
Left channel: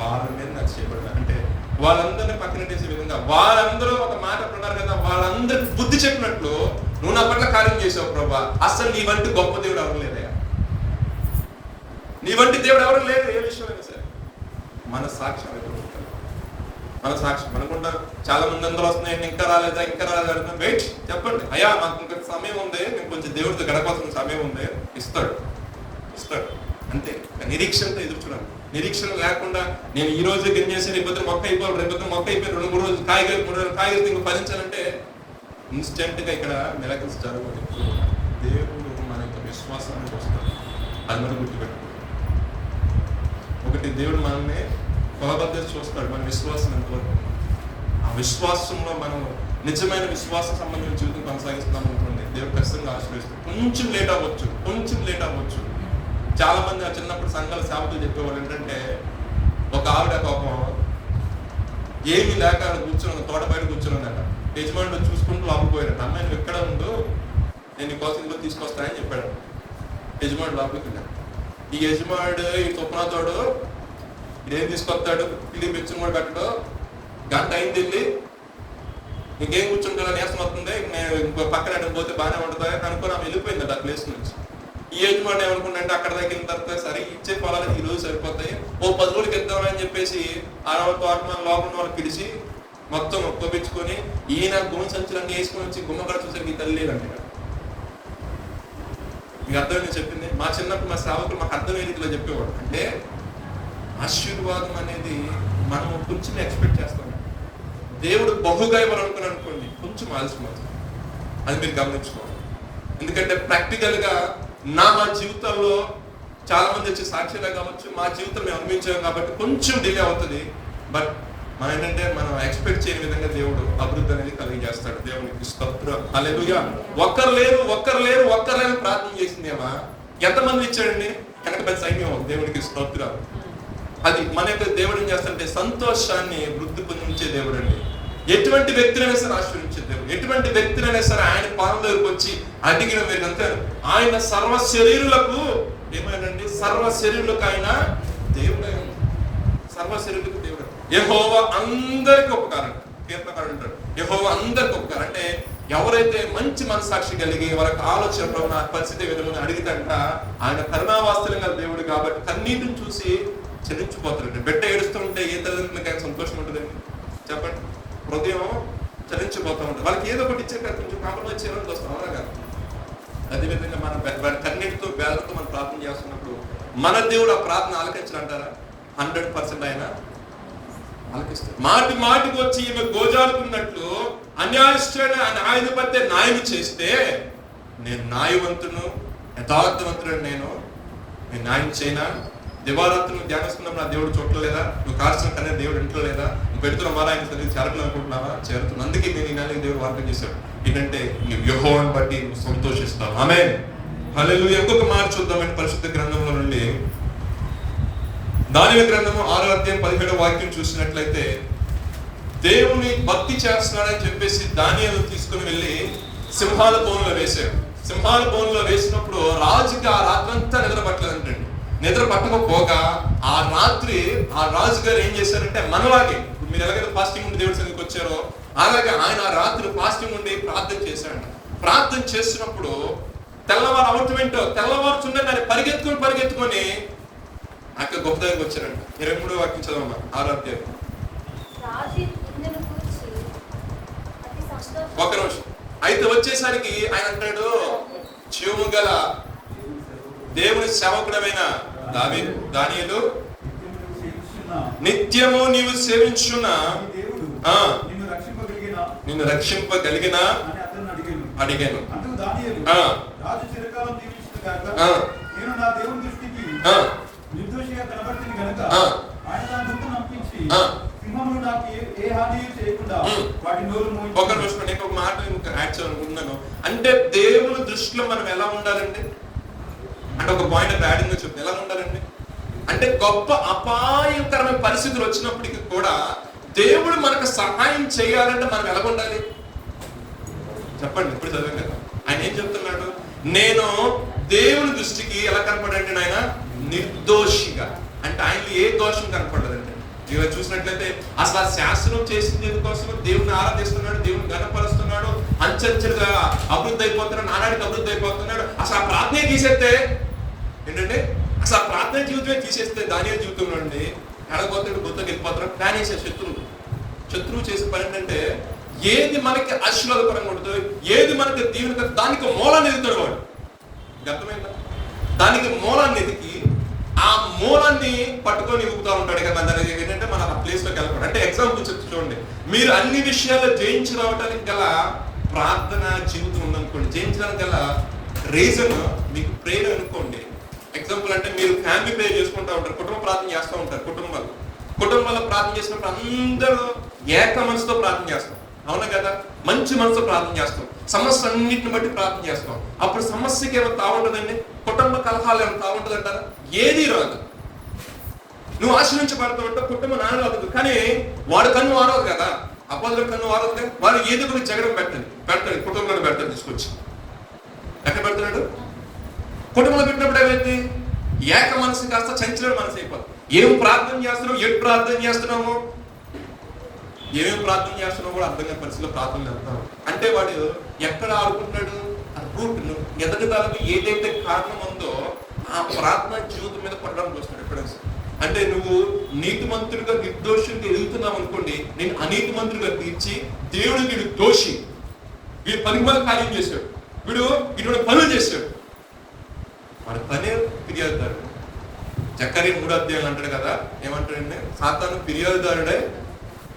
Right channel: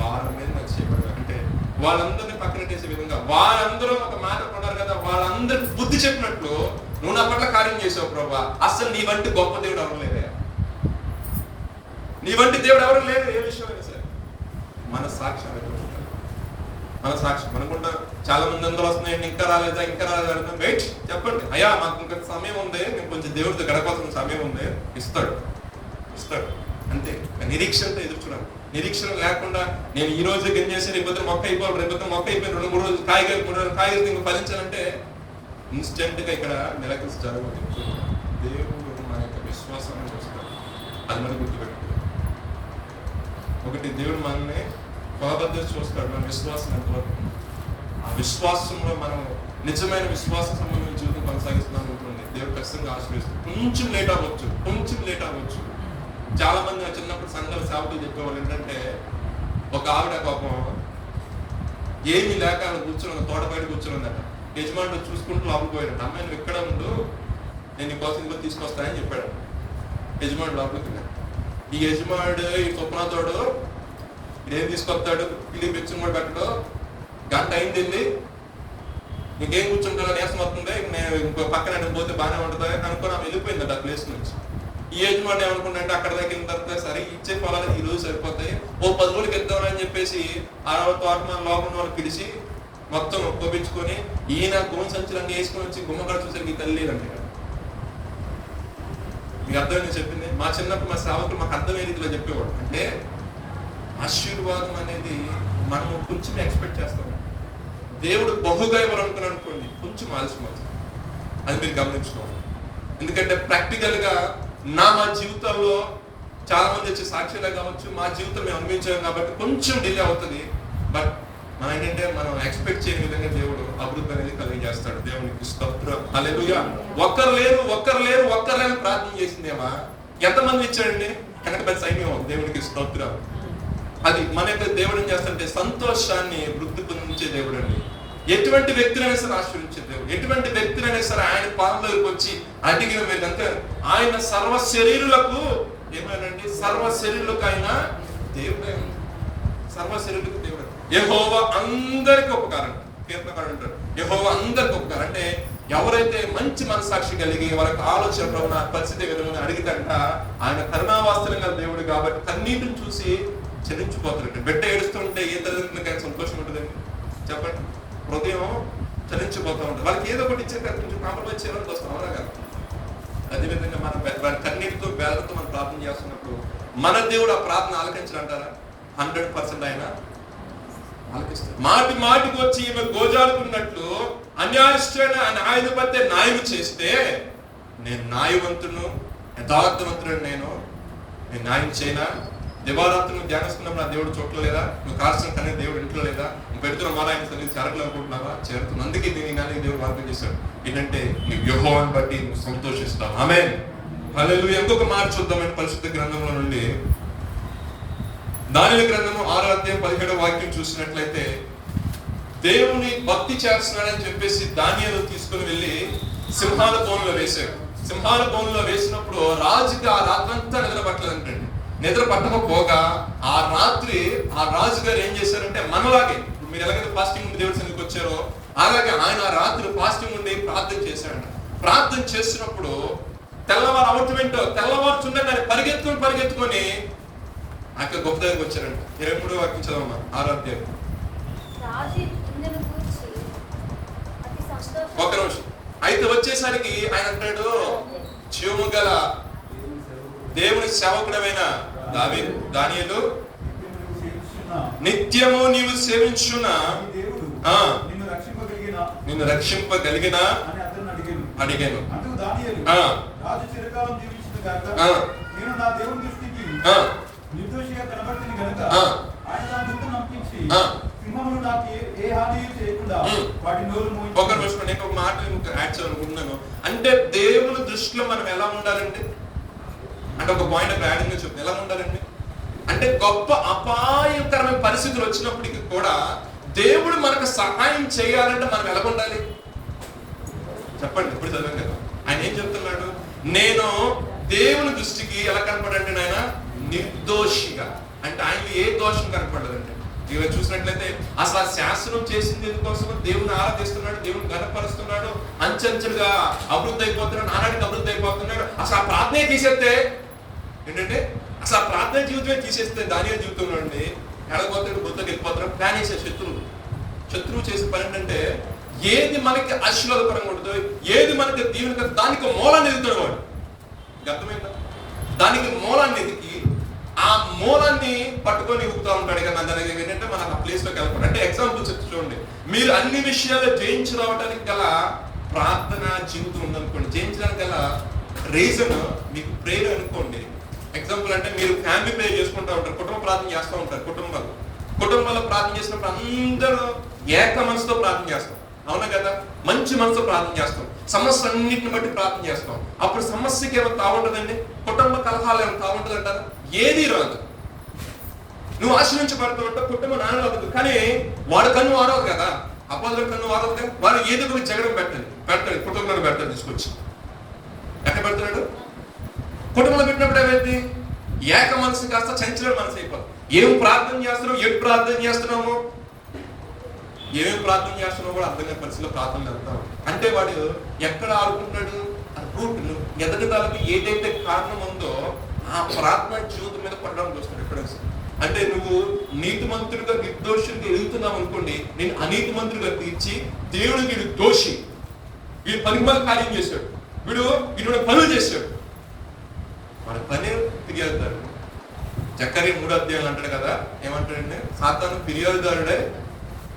వాళ్ళ మీద నాకు చేయబడ్డా అంటే వాళ్ళందరినీ పక్కనట్టేసే విధంగా వాళ్ళందరూ ఒక మాట పడ్డారు కదా, వాళ్ళందరికి బుద్ధి చెప్పినట్లు నువ్వు నా పట్ల కార్యం చేసావు ప్రభా. అసలు నీ వంటి గొప్ప దేవుడు ఎవరు లేదయా, నీ వంటి దేవుడు ఎవరు లేదు. ఏ విషయంలో సరే మన సాక్షి మన సాక్షి మనకుంటారు. చాలా మంది అందరూ వస్తున్నాయి, ఇంకా రాలేదా వెయిట్ చెప్పండి, అయ్యా నాకు ఇంకా సమయం ఉంది, నేను కొంచెం దేవుడితో గడపాల్సిన సమయం ఉంది, ఇస్తాడు అంతే. నిరీక్షణతో ఎదురు చూడాలి. నిరీక్షణ లేకుండా నేను ఈ రోజు ఏం చేసాను, ఇబ్బంది మొక్క అయిపోవాలి, రేపు మొక్క అయిపోయి 2-3 రోజులు కాయగలి ఇంకా ఫలించాలంటే ఇన్స్టెంట్ గా ఇక్కడ మిరకిల్స్ జరగదు. దేవుడు మన యొక్క విశ్వాసాన్ని చూస్తాడు, అది మనం గుర్తుపెట్టుకోవాలి. ఒకటి, దేవుడు మనల్ని బాబద్ద చూస్తాడు, మన విశ్వాసం ఎంతవరకు. ఆ విశ్వాసంలో మనం నిజమైన విశ్వాస సంబంధించిన జీవితం కొనసాగిస్తున్నాం అనుకోండి, దేవుడు ఖచ్చితంగా ఆశీర్వదిస్తాడు. కొంచెం లేట్ అవ్వచ్చు. చాలా మంది చిన్నప్పుడు సంఘాల సేవకులు చెప్పేవాళ్ళు ఏంటంటే, ఒక ఆవిడ పాపం ఏమీ లేక కూర్చుని తోట బయట కూర్చున్నదట. యజమానుడు చూసుకుంటూ లోపలిపోయాడు. అమ్మాయి నువ్వు ఎక్కడ ఉండు, నేను నీ కోసం ఇంకో తీసుకొస్తానని చెప్పాడు. యజమానుడు లోపలికి. ఈ యజమానుడు ఈ స్వప్నతోడు ఇదేం తీసుకొస్తాడు, పిల్లి పెంచుని కూడా పెట్టడు, గంట అయింది, ఇంకేం కూర్చుంటాడో నేసం వస్తుంది, నేను ఇంకో పక్కన పోతే బాగానే ఉంటుంది అనుకుని ఆమె వెళ్ళిపోయింది ఆ ప్లేస్ నుంచి. ఈ యజమాని ఏమనుకున్నాడంటే అక్కడ దగ్గర తర్వాత సరే ఇచ్చే పొలానికి ఈ రోజు సరిపోతాయి, ఓ 10 రోజులకి వెళ్తామని చెప్పేసి లోపల వాళ్ళు పిలిచి మొత్తం ఒప్పించుకొని ఈయన గోన్ సంచులన్నీ వేసుకొని వచ్చి గుమ్మగారు చూసరికి తల్లి అంటే మీకు అర్థం చెప్పింది. మా చిన్నప్పుడు మా సేవకులు మాకు అర్థమయ్యే రీతిలో చెప్పేవాడు. అంటే ఆశీర్వాదం అనేది మనం కొంచెం ఎక్స్పెక్ట్ చేస్తాం, దేవుడు బహుగా ఇవ్వాలనుకుని అనుకోండి కొంచెం ఆలస్యం, అది మీరు గమనించుకోవాలి. ఎందుకంటే ప్రాక్టికల్ గా మా జీవితంలో చాలా మంది వచ్చే సాక్ష్యాలే కావచ్చు, మా జీవితం మేము అనుభవించాం కాబట్టి కొంచెం డిలే అవుతుంది. బట్ మనం ఏంటంటే మనం ఎక్స్పెక్ట్ చేయని విధంగా దేవుడు అభివృద్ధి అనేది కలిగజేస్తాడు. దేవునికి స్తోత్రం. హల్లెలూయా. ఒక్కరు లేరు ప్రార్థన చేసిందేమా ఎంతమంది ఇచ్చాడండి? కనుక పెద్ద సైన్యం. దేవునికి స్తోత్రం. అది మన యొక్క దేవుడు ఏం చేస్తాడంటే సంతోషాన్ని వృద్ధి పొందించే దేవుడు అండి. ఎటువంటి వ్యక్తులైనా సరే ఆశ్రయించే దేవుడు, ఎటువంటి వ్యక్తులైనా సరే ఆయన పాదంలోకి వచ్చి అడిగిన మీరంతా ఆయన సర్వ శరీరులకు ఏమైనండి, సర్వ శరీరులకు ఆయన దేవుడే. సర్వ శరీరులకు దేవుడు. యెహోవా అందరికి ఉపకారం. కీర్తనకారుడు అంటాడు యెహోవా అందరికి ఉపకారం. అంటే ఎవరైతే మంచి మనసాక్షి కలిగి వాళ్ళకి ఆలోచన పరిస్థితి విధంగా అడిగితంట ఆయన కరుణావాస్తులుగా దేవుడు కాబట్టి కన్నీటిని చూసి చలించిపోతాడు. బిడ్డ ఏడుస్తుంటే ఏ తల్లిదండ్రులకైనా సంతోషం ఉంటుందండి చెప్పండి. హృదయం చలించిపోతూ ఉంటుంది. వాళ్ళకి ఏదో ఒకటి ఇచ్చే కొంచెం కాంప్రమైజ్ చేయాలని వస్తాం, అవునా కాదు? అదేవిధంగా మనం కన్నీటితో వేలతో మనం ప్రార్థన చేస్తున్నప్పుడు మన దేవుడు ఆ ప్రార్థన ఆలకించాలంటారా? 100% ఆయన ఆలకిస్తాడు. మాటికి వచ్చి ఈమె గోజాడుకున్నట్టు అన్యాయస్తుడైన న్యాయాధిపతి న్యాయం చేస్తే నేను న్యాయవంతును యథార్థవంతుడు, నేను న్యాయం చేయనా? దివారాత్రులు ధ్యానిస్తున్నాం, నా దేవుడు చూడలేదా? నువ్వు కాల్సిన కన్నా దేవుడు ఇంట్లో లేదా? నువ్వు పెడుతున్న మాట ఆయన సరిగ్గా చేరకలనుకుంటున్నావా? చేరుతున్నా. అందుకే నేను ఈ నెలకి దేవుడు వార్త చేశాడు ఏంటంటే నీ యెహోవాను బట్టి నువ్వు సంతోషిస్తావు. ఆమేన్. హల్లెలూయా. ఇంకొక మాట చూద్దామండి పరిశుద్ధ గ్రంథంలో నుండి. దానియేలు గ్రంథము 6వ అధ్యాయం 17వ వాక్యం చూసినట్లయితే, దేవుని భక్తి చేస్తున్నాడని చెప్పేసి దానియేలు తీసుకుని వెళ్ళి సింహాల బోన్లో వేశాడు. సింహాల బోన్లో వేసినప్పుడు రాజుకి ఆ రాత్రంతా నిద్ర పట్టలేదంటండి. నిద్ర పట్టకపోగా ఆ రాత్రి ఆ రాజు గారు ఏం చేశారంటే, మనలాగే ఇప్పుడు మీరు ఎలాగైతే ఫాస్టింగ్ ఉండి దేవుడి సన్నిధికి వచ్చారో అలాగే ఆయన ఆ రాత్రి ఫాస్టింగ్ ఉండి ప్రార్థన చేశాడంట. ప్రార్థన చేసినప్పుడు తెల్లవారు అవటం ఏంటో, తెల్లవారుచుండే దాన్ని పరిగెత్తుకొని అక్కడ గొప్ప దగ్గరకు వచ్చారంట. 23వ వాక్యం చదవమ్మా, 6వ అధ్యాయం. ఒక నిమిషం. అయితే వచ్చేసరికి ఆయన అంటాడు, జీవము గల దేవుని సేవకుడమైన దానియేలు, నిత్యము నీవు సేవించున్న నిన్ను రక్షింపగలిగిన అడిగాను. ఒక నిమిషం, నేను ఒక మాట యాడ్ చేయాలనుకుంటున్నాను. అంటే దేవుని దృష్టిలో మనం ఎలా ఉండాలండి అంటే ఒక పాయింట్ ఆఫ్ యాడింగ్ చెప్పి ఎలా ఉండాలండి అంటే, గొప్ప అపాయకరమైన పరిస్థితులు వచ్చినప్పటికీ కూడా దేవుడు మనకు సహాయం చేయాలంటే మనం ఎలా ఉండాలి చెప్పండి. ఎప్పుడు చదవం కదా ఆయన ఏం చెప్తున్నాడు, నేను దేవుని దృష్టికి ఎలా కనపడండి ఆయన నిర్దోషిగా. అంటే ఆయనకి ఏ దోషం కనపడదండి. ఇవి చూసినట్లయితే అసలు ఆ శాస్త్రం చేసింది కోసం దేవుని ఆరాధిస్తున్నాడు, దేవుని గణపరుస్తున్నాడు, అంచెంచెలుగా అభివృద్ధి అయిపోతున్నాడు, నానాడికి అభివృద్ధి అయిపోతున్నాడు. అసలు ఆ ప్రార్థనే తీసేస్తే ఏంటంటే, అసలు ఆ ప్రార్థన జీవితమే తీసేస్తే దానియేలు జీవితంలో అండి ఎడపోతే గుర్తుకు వెళ్ళిపోతున్నాడు. ప్లాన్ చేసే శత్రువు చేసే పని ఏంటంటే, ఏది మనకి ఆశీర్వాదకరంగా ఉంటుందో, ఏది మనకి దీవెన, దానికి మూలాన్ని ఎదుగుతాడు వాడు. అర్థమైందా? దానికి మూలాన్ని ఎదిగి ఆ మూలాన్ని పట్టుకొని ఎదుగుతూ ఉంటాడు. ఇక మన దగ్గర ఏంటంటే మన ప్లేస్ లోకి వెళ్ళకూడదు. అంటే ఎగ్జాంపుల్ చెప్తూ చూడండి, మీరు అన్ని విషయాలు జయించి రావడానికి గల ప్రార్థన జీవితం ఉందనుకోండి, జయించడానికి గల రీజన్ మీకు ప్రేయర్ అనుకోండి. ఎగ్జాంపుల్ అంటే మీరు ఫ్యామిలీ ప్రేయర్ చేసుకుంటూ ఉంటారు, కుటుంబ ప్రార్థన చేస్తూ ఉంటారు. కుటుంబంలో ప్రార్థన చేసినప్పుడు అందరూ ఏక మనసుతో ప్రార్థన చేస్తాం, అవునా కదా? మంచి మనసుతో ప్రార్థన చేస్తాం, సమస్య అన్నింటిని బట్టి ప్రార్థన చేస్తాం. అప్పుడు సమస్యకి ఏమైనా తాగుంటుందండి, కుటుంబ కలహాలు ఏమైనా తాగుంటుందంటారా? ఏది రాదు. నువ్వు ఆశ్రయించబడతావు, కుటుంబం నాన్న అవ్వదు. కానీ వాడు కన్ను వాడవు కదా, అపోజిట్ కన్ను వాడవు కదా. వాళ్ళు ఏది కూడా జగడం పెట్టండి కుటుంబాన్ని పెడతాడు, తీసుకొచ్చి ఎక్కడ పెడతాడు? కుటుంబంలో పెట్టినప్పుడు ఏమైంది? ఏక మనసు కాస్త చంచల మనసు అయిపోతుంది. ఏం ప్రార్థన చేస్తున్నావు, ఎటు ప్రార్థన చేస్తున్నాము, ఏమేమి ప్రార్థన చేస్తున్నావు కూడా అర్థం కాని పరిస్థితిలో ప్రార్థన చేస్తాం. అంటే వాడు ఎక్కడ ఆడుకుంటాడు, ఆ రూట్ను ఎదగడానికి ఏదైతే కారణం ఉందో ఆ ప్రార్థన జీవితం మీద పడడానికి వస్తాడు ఎప్పుడైనా. అంటే నువ్వు నీతిమంతుడిగా నిర్దోషంగా ఎదుగుతున్నావు అనుకోండి, నేను అనీతిమంతుడిగా తీర్చి దేవుడు వీడు దోషి, వీడు పనిగా కార్యం చేశాడు, వీడు పనులు చేశాడు, వాడి పనే ఫిర్యాదుదారు. జకరియా 3వ అధ్యాయం అంటాడు కదా, ఏమంటాడంటే, సాతాను ఫిర్యాదుదారుడే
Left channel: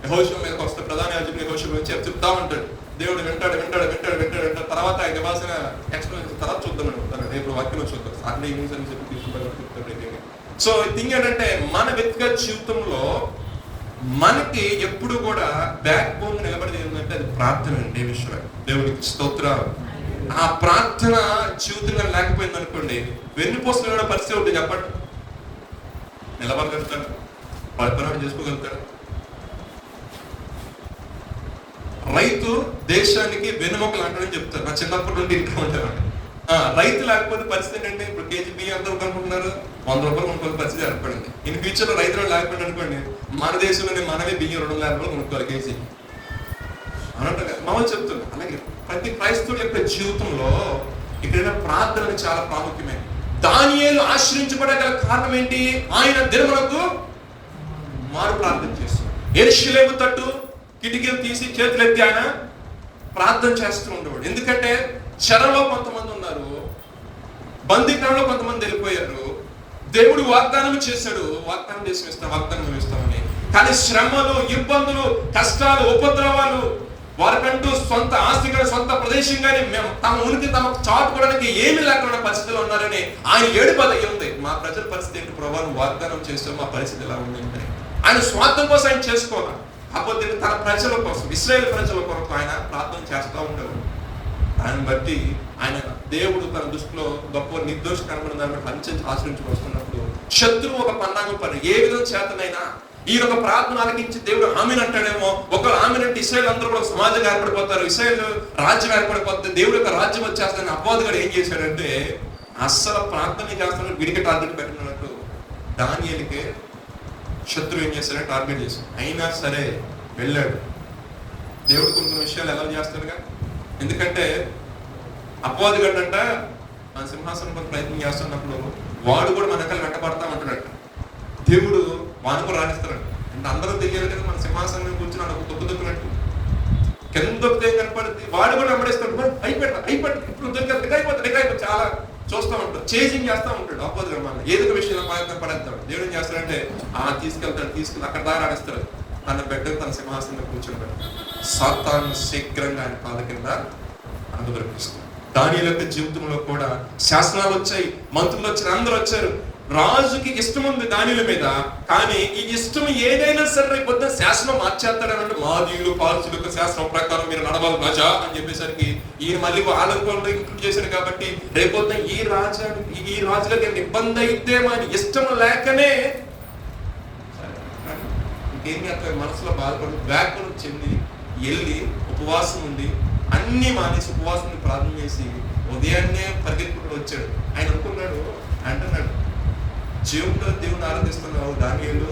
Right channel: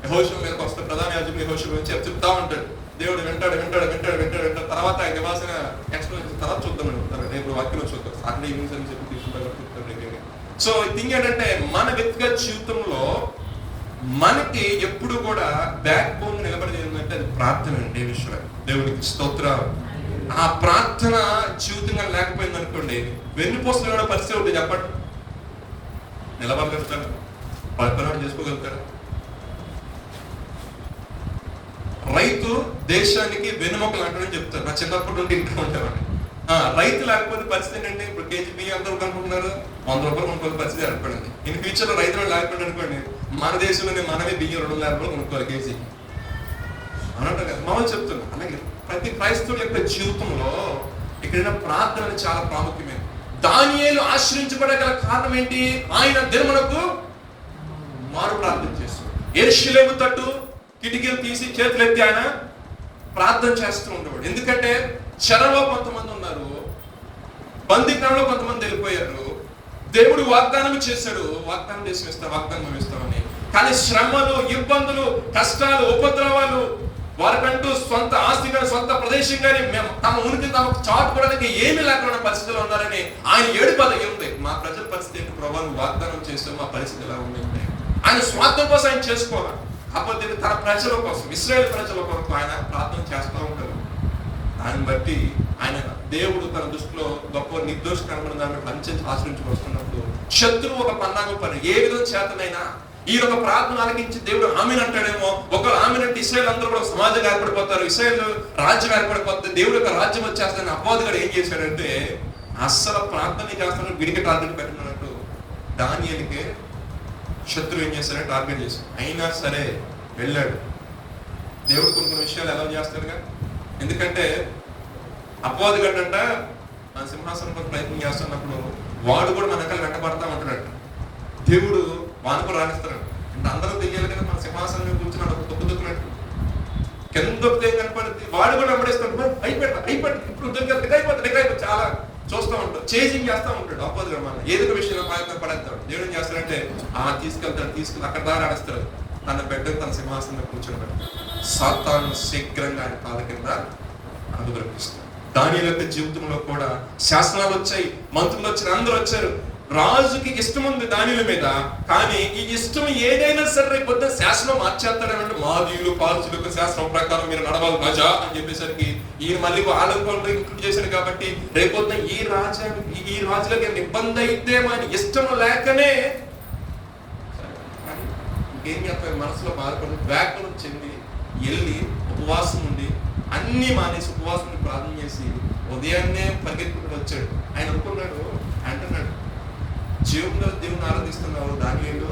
యెహోషువ మీదకి వస్తాడు. ప్రధాన యాజకుడు యెహోషువ గురించి చెప్తా ఉంటాడు. దేవుడు వింటాడు. తర్వాత ఆయన ఇవ్వాల్సిన ఎక్స్ప్లెనేషన్ తర్వాత చూద్దాం అనుకుంటారు. రేపు వాక్యంలో చూద్దాం. సాటర్డే ఈవినింగ్స్ అని చెప్పి తీసుకుంటారు. సో థింగ్ ఏంటంటే, మన వ్యక్తిగత జీవితంలో మనకి ఎప్పుడు కూడా బ్యాక్ బోన్ నిలబడి ఏంటంటే అది ప్రార్థన అండి. దేవుడికి స్తోత్రాలు. ఆ ప్రార్థన జీవితంగా లేకపోయింది అనుకోండి, వెన్నుపోసిన కూడా పరిస్థితి ఉంటుంది. చెప్పండి, నిలబడగలుగుతారు, పరిపాలన చేసుకోగలుగుతారు. రైతు దేశానికి వెన్నుముక లాంటిదని చెప్తారు. నా చిన్నప్పటి నుండి ఇంట్లో ఉండేవాడు. రైతు లేకపోతే పరిస్థితి ఏంటంటే, ఇప్పుడు కేజీ బియ్యం అందరూ అనుకుంటున్నారు 100 రూపాయలు కొనుక్కోవాలి పరిస్థితి ఏర్పడింది. ఇన్ ఫ్యూచర్ లో రైతులు లేకపోయింది అనుకోండి, మన దేశంలోనే మనమే బియ్యం 200 రూపాయలు కొనుక్కోవాలి కేజీ అనంటే మామూలు చెప్తున్నా. అలాగే ప్రతి క్రైస్తవుల యొక్క జీవితంలో ఇక్కడ ప్రార్థన చాలా ప్రాముఖ్యమే. దానియేలు ఆశ్రయించబడగల కారణం ఏంటి? ఆయన దినములకు మారు ప్రార్థన చేస్తున్నాడు. యెరూషలేము తట్టు కిటికీలు తీసి చేతులెత్తి ఆయన ప్రార్థన చేస్తూ ఉండేవాడు. ఎందుకంటే చెరలో కొంతమంది ఉన్నారు, బందీకరణలో కొంతమంది వెళ్ళిపోయారు. దేవుడు వాగ్దానం చేశాడు, వాగ్దానం చేసి ఇస్తామని. కానీ శ్రమలు, ఇబ్బందులు, కష్టాలు, ఉపద్రవాలు, వారికంటూ సొంత ఆస్తి కానీ సొంత ప్రదేశం కానీ తమ ఉనికి తమకు చాటుకోవడానికి ఏమి లేకుండా పరిస్థితులు ఉండాలని ఆయన ఏడుపు ఉంది. మా ప్రజల పరిస్థితి ఏంటి ప్రభావం, వాగ్దానం చేస్తాం, మా పరిస్థితి ఎలా ఉంది అంటే ఆయన స్వార్థం కోసం ఆయన చేసుకోవాలి. కాకపోతే తన ప్రజల కోసం, ఇశ్రాయేలు ప్రజల కొరకు ఆయన ప్రార్థన చేస్తూ ఉంటారు. దాన్ని బట్టి ఆయన దేవుడు తన దృష్టిలో గొప్ప నిర్దోష కనబడిన అంచెంచి ఆశ్రయించి వస్తున్నప్పుడు శత్రువు ఒక పన్నాగం పని ఏ విధంగా చేతనైనా ఈ ఒక ప్రార్థన ఆలకించి దేవుడు ఆమెను అంటాడేమో, ఒక ఆమెను అంటే ఇశ్రాయేలు అందరూ కూడా సమాజంగా ఏర్పడిపోతారు, ఇశ్రాయేలు రాజ్యం ఏర్పడిపోతుంది, దేవుడు యొక్క రాజ్యం వచ్చేస్తాను. అపవాదిగాడు ఏం చేశాడంటే అస్సలు ప్రార్థన చేస్తాను విడిగా టార్గెట్ పెట్టుకున్నట్టు దానియేలుకి శత్రువు ఏం చేస్తాడని టార్గెట్ చేశాడు. అయినా సరే వెళ్ళాడు. దేవుడు కొన్ని విషయాలు ఎలా చేస్తాడుగా, ఎందుకంటే అపవాదిగాడు అంట మన సింహాసనం ప్రయత్నం చేస్తున్నప్పుడు వాడు కూడా మన దగ్గర వెంటబడతా ఉంటున్నాడు. దేవుడు వానకు రాణిస్తాడు అంటే అందరూ తెలియాలి కదా, మన సింహాసనం కూర్చుని అక్కడ తొక్కుతున్నట్టు కింద తొక్కితే కనపడుతుంది, వాడు కూడా వెంబడిస్తాడు. అయిపోయి ఇప్పుడు అయిపోతుంది చాలా చూస్తూ ఉంటాడు, చేజింగ్ చేస్తూ ఉంటాడు. అపోజిట్ మన ఏదో విషయంలో ప్రయత్నం పడేస్తాడు. దేవుడు ఏం చేస్తాడంటే తీసుకుని అక్కడ దారి ఆడిస్తాడు, తన బిడ్డకు తన సింహాసనంలో కూర్చొని పెడతాడు. సాతాను శీఘ్రంగా ఆయన పాద కింద అనుగ్రహిస్తాడు. దానియేలు యొక్క జీవితంలో కూడా శాసనాలు వచ్చాయి, మంత్రులు వచ్చారు, అందరూ వచ్చారు. రాజుకి ఇష్టం ఉంది దానిల మీద, కానీ ఈ ఇష్టం ఏదైనా సరే కొత్త శాసనం మార్చేస్తాడనంటే మాదీయులు పాల్చులకు శాసనం ప్రకారం మీరు నడవాలి రాజా అని చెప్పేసరికి ఈయన మళ్ళీ ఆలోచనలు ఇంక్లూడ్ చేశారు. కాబట్టి రేపొద్దు ఈ రాజులకి ఇబ్బంది అయితే మన ఇష్టం లేకనే ఇంకేం చేస్తారు, మనసులో బాధపడి వ్యాకులం చెంది వెళ్ళి ఉపవాసం ఉండి అన్ని మానేసి ఉపవాసం ప్రార్థన చేసి ఉదయాన్నే పరిగెత్తుకుంటూ వచ్చాడు. ఆయన అనుకున్నాడు, అంటున్నాడు, జీవుడు దేవుని ఆరాధిస్తున్నావు దానియేలు,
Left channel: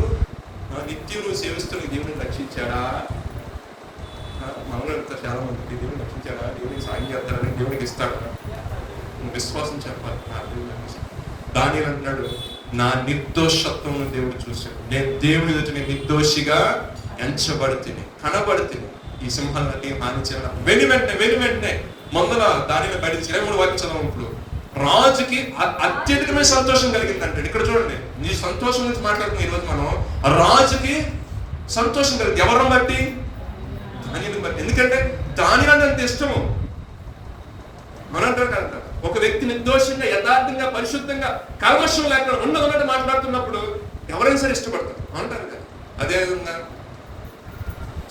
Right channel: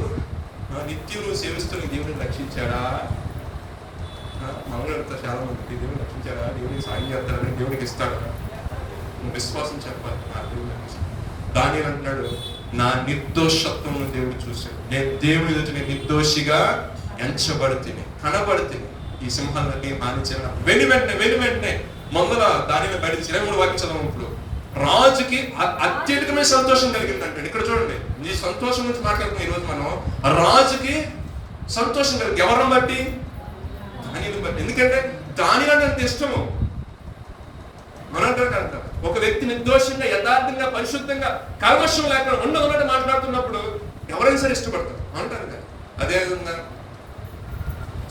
నిత్యం నువ్వు సేవిస్తున్న దేవుని రక్షించాడా? మనలో వెళ్తారు చాలా మందికి, దేవుని రక్షించాడా, దేవునికి సాయం చేస్తాడని దేవునికి ఇస్తాడు, నువ్వు విశ్వాసం చెప్పాలి. దానియేలు అంటున్నాడు, నా నిర్దోషత్వం దేవుడు చూశాడు, నేను దేవుడి ఎదుట నేను నిర్దోషిగా ఎంచబడితిని, కనబడితిని, ఈ సింహాలన్నీ హానించాను. వెను వెంటనే మమ్మల్ని దానిని బయట 23 వాక్యం చదవం. ఇప్పుడు రాజుకి అత్యధికమైన సంతోషం కలిగింది అంటాడు. ఇక్కడ చూడండి, నీ సంతోషం గురించి మాట్లాడుతున్నాం ఈరోజు మనం. రాజుకి సంతోషం కలిగింది ఎవరిని బట్టి? దానిని బట్టి. ఎందుకంటే దానిలో అంత ఇష్టము. మనం అంటారు ఒక వ్యక్తి నిర్దోషంగా యథార్థంగా పరిశుద్ధంగా కల్మషం లేకుండా ఉన్నదన్నట్టు మాట్లాడుతున్నప్పుడు ఎవరైనా సరే ఇష్టపడతారు అంటారు కదా. అదేవిధంగా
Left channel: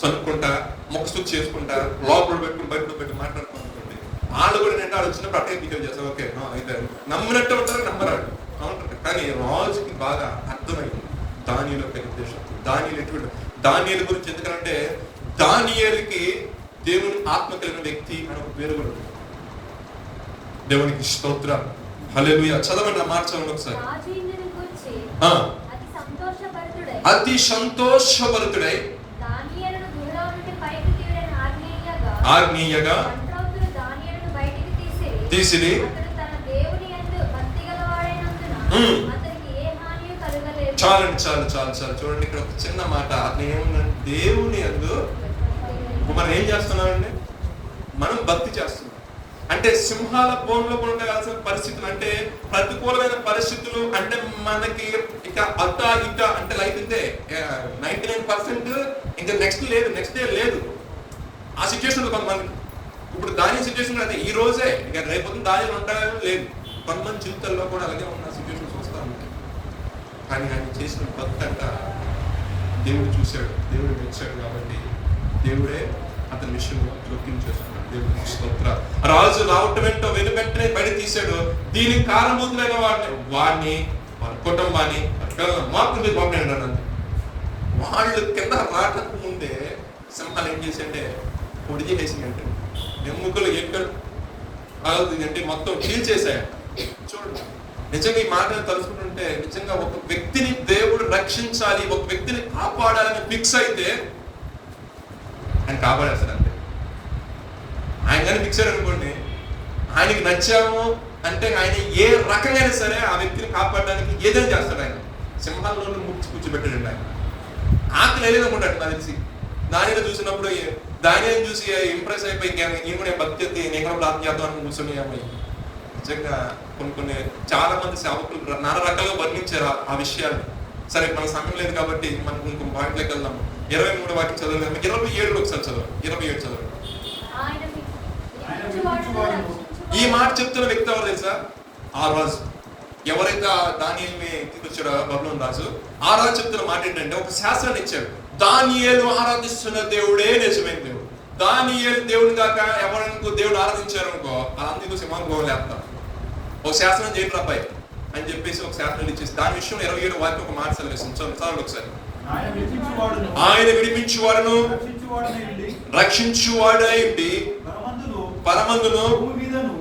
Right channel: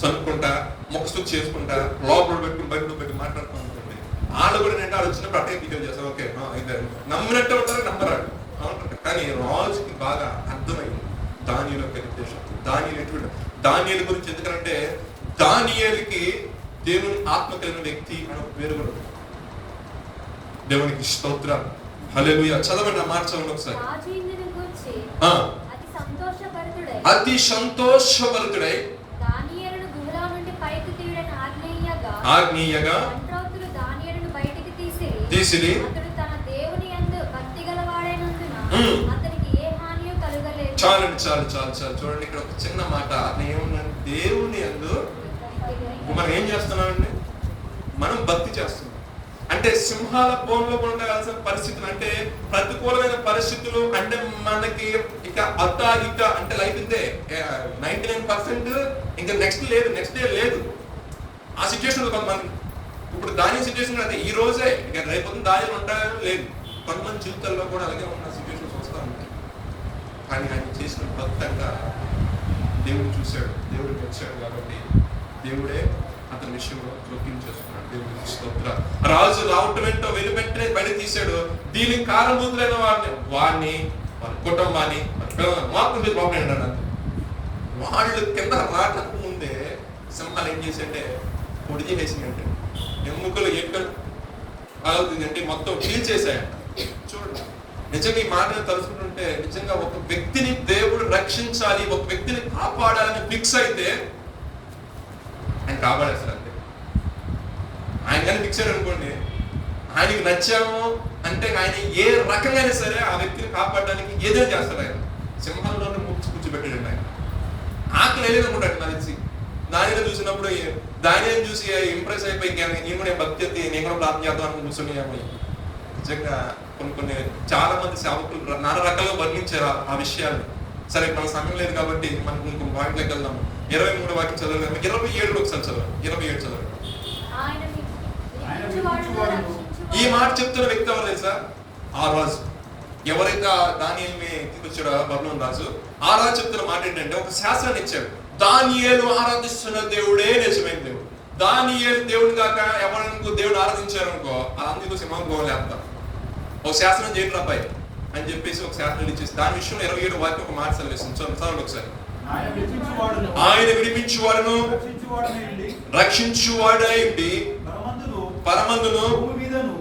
చదువుకుంటా మొక్కసు చేసుకుంటా లోపల పెట్టుకుని బయటలో పెట్టి మాట్లాడుకుంటుంది. వాళ్ళు కూడా నేను వచ్చినప్పుడు అట్టే బిహేవ్ చేస్తాను. ఓకే అయితే నమ్మినట్టు ఉంటారు, నమ్మరాడు అవుతుంది. కానీ రాజుకి బాగా అర్థమైంది దానియేలు యొక్క ఉద్దేశం. దానియేలు గురించి ఎందుకంటే దానియేలుకి దేవుని ఆత్మ కలిగిన వ్యక్తి అని ఒక పేరు కూడా ఉంది. దేవునికి స్తోత్రం, హల్లెలూయా. చదవండి మాట చదవండి ఒకసారి. అతి సంతోషభరితుడై ఆజ్ఞీయగా తీసిది చాలు చూడండి. ఇక్కడ ఒక చిన్న మాట, ఏముందంటే దేవుని యందు మనం ఏం చేస్తున్నామండి, మనం భక్తి చేస్తున్నాం. అంటే సింహాల బోన్లో ఉండవలసిన పరిస్థితులు, అంటే ప్రతికూలమైన పరిస్థితులు, అంటే మనకి ఇక అత్త ఇక అంటే లైఫ్ ఇంతే 99% ఇంకా నెక్స్ట్ డే లేదు. ఆ సిచ్యువేషన్ కొంతమంది ఇప్పుడు దాని సిచ్యువేషన్ అంటే ఈ రోజే ఇక రేపు దానిలో ఉంటాయో లేదు. కొంతమంది జీవితాల్లో కూడా అలాగే ఉన్న సిచ్యువేషన్స్ వస్తూ ఉంటాయి. కానీ ఆయన చేసిన భక్తి అంట దేవుడు చూశాడు, దేవుడు మెచ్చాడు. కాబట్టి దేవుడే అతని విషయంలో జోక్యం చేసుకున్నాడు. దేవుడికి స్తోత్రం. రాజు రావటం వెంటో వెనువెంటనే బయట తీశాడు. దీనికి కారణభూతులైన వాడిని వాళ్ళ కుటుంబాన్ని మాకు బాగుంటాడు. వాళ్ళు కింద రాక ముందే సింహాలు ఏం చేశాడే, పొడిచి వేసిందంటే ఎముకలు ఎక్కడ అంటే మొత్తం ఫీల్ చేశాయంట. చూడండి, నిజంగా ఈ మాటలు తలుచుకుంటుంటే నిజంగా ఒక వ్యక్తిని దేవుడు రక్షించాలి, ఒక వ్యక్తిని కాపాడాలని ఫిక్స్ అయితే ఆయన కాపాడేస్తాడంటే. ఆయన కానీ ఫిక్స్ అనుకోండి, ఆయనకి నచ్చాము అంటే ఆయన ఏ రకంగా సరే ఆ వ్యక్తిని కాపాడడానికి ఏదైనా చేస్తాడు. ఆయన సింహాల్లో కూర్చోబెట్టాడు. ఆయన ఆకలి వెళ్ళేదనుకుంటాడు నాకు తెలిసి. దానిని చూసినప్పుడు దానిని చూసి ఇంప్రెస్ అయిపోయి నేను కూడా భక్తి నేను కూడా ప్రార్థన చేద్దాం అని కూర్చొని నిజంగా కొన్ని చాలా మంది సేవకులు నానా రకాలుగా వర్ణించారు ఆ విషయాన్ని. సరే మన సమయం లేదు కాబట్టి మనం ఇంకొక వాటిలోకి వెళ్దాము. 23 వాక్యం చదవలేము, 27 ఒకసారి చదవ, 27 చదవ. ఈ మాట చెప్తున్న వ్యక్తి ఎవరు తెలుసా? ఆ రాజు. ఎవరైతే దానియేలుని తీసుకొచ్చాడో బబులోను రాజు, ఆ రాజు చెప్తున్న మాట ఏంటంటే ఒక శాస్త్రాన్ని ఇచ్చాడు. దానియేలు ఆరాధిస్తున్న దేవుడే నిజమైన దేవుడు. దానియేలు దేవుని కాక ఎవరికి దేవుడు ఆరాధించారనుకో, అందుకు సింహం గోలేస్తాం. ఒక శాసనం చేయండి అబ్బాయి అని చెప్పేసి ఒక శాసనం ఇచ్చేసి దాని విషయంలో 27 వాక్యం ఒక మాట సెలవిస్తుంది. చదవండి ఒకసారి. ఆయన విడిపించువాడును రక్షించువాడైంది పరమందును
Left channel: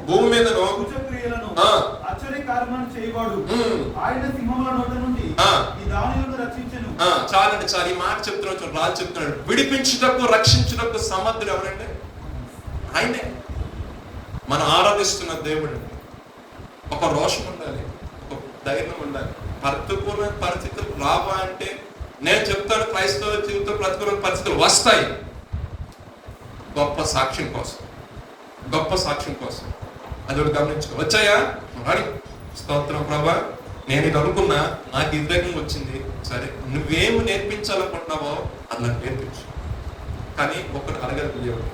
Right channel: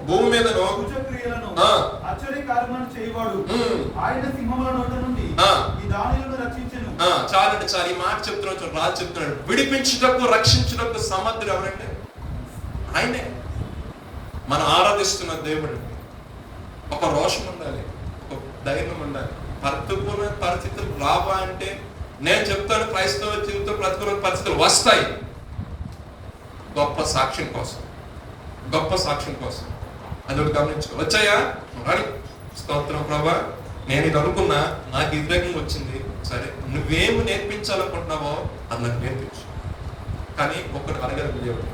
భూమి మీదను చాలండి చాలు. ఈ మాట చెప్తున్నాడు, రాజు చెప్తున్నాడు. విడిపించుటకు రక్షించుటకు సమర్థుడు ఎవరంటే ఆయనే. మనం ఆరాధిస్తున్న దేవుడు. ఒక రోషం ఉండాలి, ఒక ధైర్యం ఉండాలి. ప్రతికూల పరిస్థితులు రావా అంటే నేను చెప్తాను, క్రైస్తవ జీవితం ప్రతికూల పరిస్థితులు వస్తాయి. గొప్ప సాక్ష్యం కోసం, గొప్ప సాక్ష్యం కోసం. అది గమనించుకో. వచ్చాయా వాడి స్తోత్రం ప్రభా, నేను ఇది అనుకున్నా, నాకు ఇద్దరికి వచ్చింది. సరే, నువ్వేమి నేర్పించాలనుకుంటున్నావో అది నాకు నేర్పించు. కానీ ఒకటి అడగదు దేవుడు,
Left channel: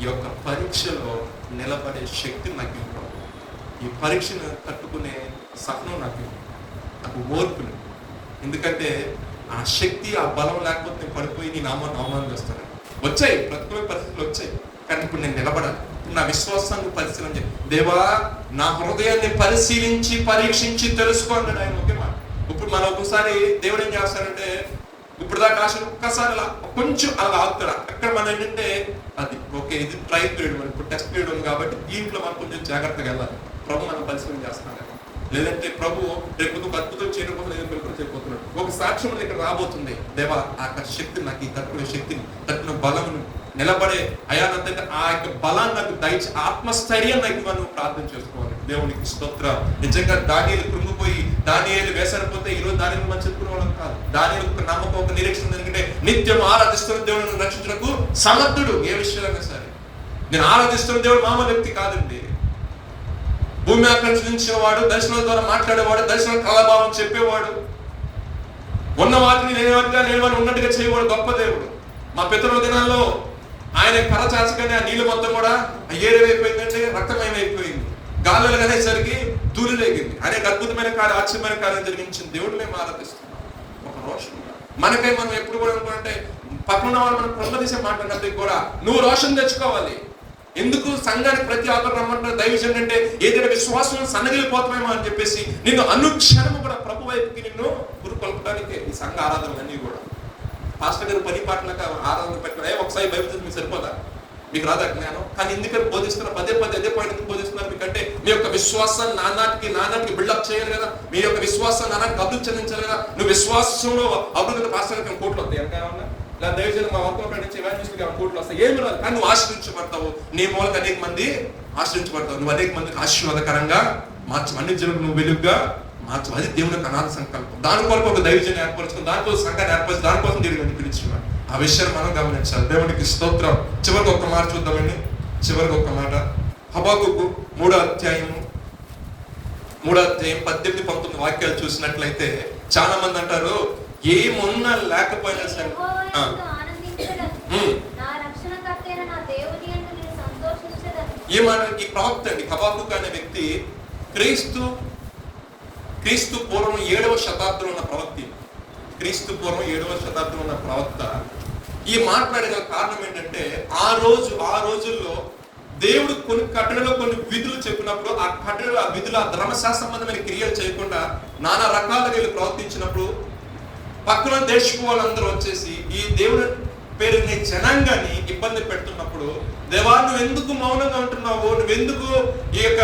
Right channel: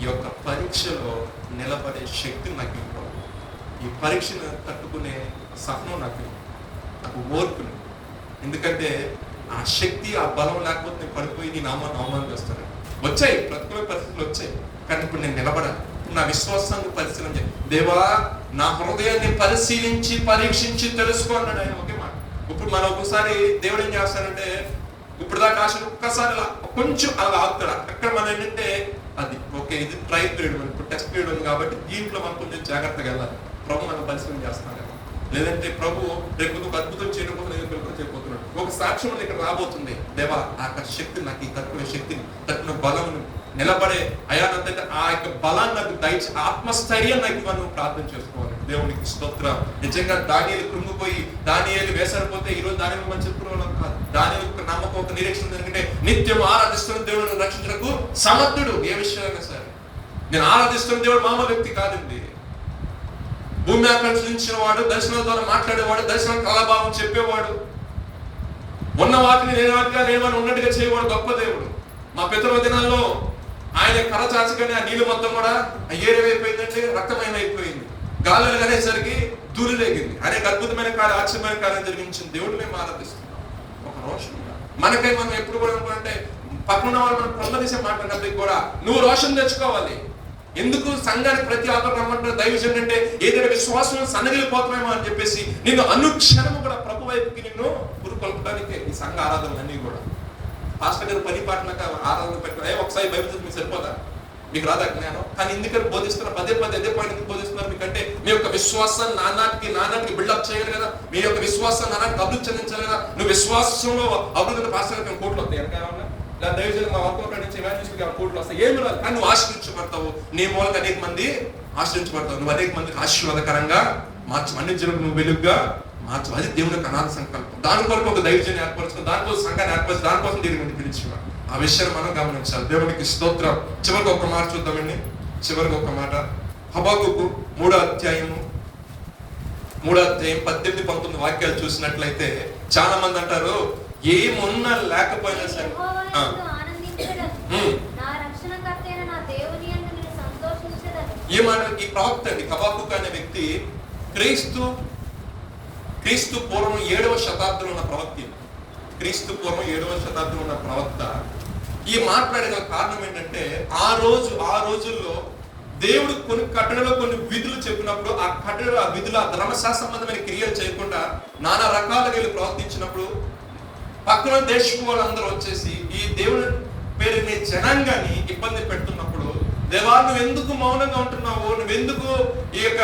ఈ యొక్క పరీక్షలో నిలబడే శక్తి నాకు ఇవ్వాలి. ఈ పరీక్షను తట్టుకునే సహనం నాకు ఓర్పులు. ఎందుకంటే ఆ శక్తి, ఆ బలం లేకపోతే నేను పడిపోయి నీ నామాన్ని అవమానం చేస్తాను. వచ్చాయి ప్రతికూల పరిస్థితులు వచ్చాయి, కానీ ఇప్పుడు నేను నిలబడాలి. నా విశ్వాసాన్ని పరిశీలన చేయాలి. దేవా, నా హృదయాన్ని పరిశీలించి పరీక్షించి తెలుసుకోవాలని ఆయన ఒకే మాట. ఇప్పుడు మనం ఒక్కసారి దేవుడు ఏం చేస్తారంటే, ఇప్పుడు దాకా ఆశ ఒక్కసారి అలా కొంచెం అలా ఆగుతాడు. అక్కడ మనం ఏంటంటే అది ఓకే, ఇది ట్రయల్ పీరియడ్, మనం ఇప్పుడు టెస్ట్ పీరియడ్ ఉంది కాబట్టి దీంట్లో మనం కొంచెం జాగ్రత్తగా వెళ్ళాలి. ప్రభు మనం పరిశీలన చేస్తున్నాడు. లేదంటే ప్రభు రేపు ఒక అద్భుతం చేయకపోతే నేను చేయబోతున్నాడు. ఒక సాక్ష్యం ఇక్కడ రాబోతుంది. దేవా, ఆ శక్తి నాకు, ఈ తక్కువ శక్తిని, తక్కువ బలం నిలబడే అయానంటే ఆ యొక్క బలాన్ని నాకు దయచి, ఆత్మస్థైర్యం నాకు మనం ప్రార్థన చేసుకోవాలి. దేవునికి స్తోత్రం. నిజంగా దానియేలు కృంగిపోయి దానియేలు వేసరిపోతే ఈరోజు దానిని మనం చెప్పుకునే వాళ్ళం కాదు. దానియేలు ఒక నమ్మకం, ఒక నిరీక్షణ. ఎందుకంటే నిత్యం ఆరాధిస్తున్న దేవుడిని రక్షించడానికి సమర్థుడు. ఏ విషయాలైనా సరే నేను ఆరాధిస్తున్న దేవుడు మామూలు వ్యక్తి కాదండి. భూమి ఆకర్షించిన వాడు, దర్శనం ద్వారా మాట్లాడేవాడు, దర్శనం కళాభావం చెప్పేవాడు, ఉన్న వాటిని లేవని ఉన్నట్టుగా చేయవాడు గొప్ప దేవుడు. మా పితరుల దినాల్లో ఆయన కళ చాచగానే ఆ నీళ్ళు మొత్తం కూడా ఏరేమైపోయిందంటే రక్తమయమైపోయింది. గాలులు అనేసరికి ధూళి లేగింది. అనేక అద్భుతమైన కార్యం, ఆశ్చర్యమైన కార్యం జరిగించిన దేవుడు మేము ఆరాధిస్తున్నాం. ఒక రోషం మనకై మనం ఎప్పుడు కూడా అనుకుంటే పక్కన వాళ్ళు మనం పొందదీసే మాట్లాడినప్పటికీ కూడా నువ్వు రోషం తెచ్చుకోవాలి. ఎందుకు సంఘానికి ప్రతి ఆపద రమ్మంటారు దైవజన్ అంటే ఏదైనా విశ్వాసం సన్నగిలిపోతున్నామో అని చెప్పేసి నిన్ను అనుక్షణము కూడా ప్రభు వైపుకి నిన్ను గురుకొల్పడానికి ఈ సంఘ ఆరాధనలన్నీ కూడా. పాస్టర్ గారు పని పాటలకు ఆరాధన పెట్టిన ఒకసారి బైబిల్ మీకు సరిపోదా? మీకు రాదా జ్ఞానం? కానీ ఎందుకంటే బోధిస్తున్న పదే అదే పాయింట్ బోధిస్తున్నారు. మీకంటే మీ యొక్క విశ్వాసాన్ని నానాటికి బిల్డప్ చేయాలి కదా, మీ యొక్క విశ్వాసాన్ని నానాటికి అభివృద్ధి చెందించాలి కదా. నువ్వు విశ్వాసంలో అభివృద్ధి పాస్టర్ గారికి కోట్లు వస్తాయి ఎంతేమన్నా, లేదా దైవజనం మా వర్క్ నుంచి ఎవాంజలిస్ట్కి కోట్లు వస్తాయి, ఏమి రాదు. కానీ నువ్వు ఆశ్రయించబడతావు. నీ మూలంగా అనేక మంది ఆశ్రయించబడతావు. నువ్వు అనేక మందికి ఆశీర్వాదకరంగా మార్చు, అన్ని జనులకు నువ్వు వెలుగుగా మార్చు. అది దేవుని యొక్క అనాథ సంకల్పం. దాని కొరకు ఒక దైవజనం ఏర్పరచుకుని, దానికోసం సంఘాన్ని ఏర్పరిచి, దానికోసం దేవుని పిలిచేవాడు. ఆ విషయాన్ని మనం గమనించాలి. దేవునికి స్తోత్రం. చివరికి ఒక మాట చూద్దామండి. చివరికి ఒక మాట, హబక్కూకు 3వ అధ్యాయం 18-19 వాక్యాలు చూసినట్లయితే చాలా మంది అంటారు ఏమున్నా లేకపోయినా సరే ఈ మాట ఈ ప్రవక్త అండి హబక్కూకు అనే వ్యక్తి క్రీస్తు పూర్వం 7వ శతాబ్దంలో ఉన్న ప్రవక్త. క్రీస్తు పూర్వం 7వ శతాబ్దంలో ఉన్న ప్రవక్త ఈ మాట్లాడిన కారణం ఏంటంటే ఆ రోజుల్లో దేవుడు కొన్ని కట్టడలో కొన్ని విధులు చెప్పినప్పుడు ఆ కట్టడలో ఆ విధులు ఆ ధర్మశాస్త్ర సంబంధమైన క్రియలు చేయకుండా నానా రకాలుగా వీళ్ళు ప్రవర్తించినప్పుడు పక్కన దేశం వాళ్ళందరూ వచ్చేసి ఈ దేవుని పేరుని జనాంగాన్ని ఇబ్బంది పెడుతున్నప్పుడు, దేవా నువ్వు ఎందుకు మౌనంగా ఉంటున్నావు, నువ్వెందుకు ఈ యొక్క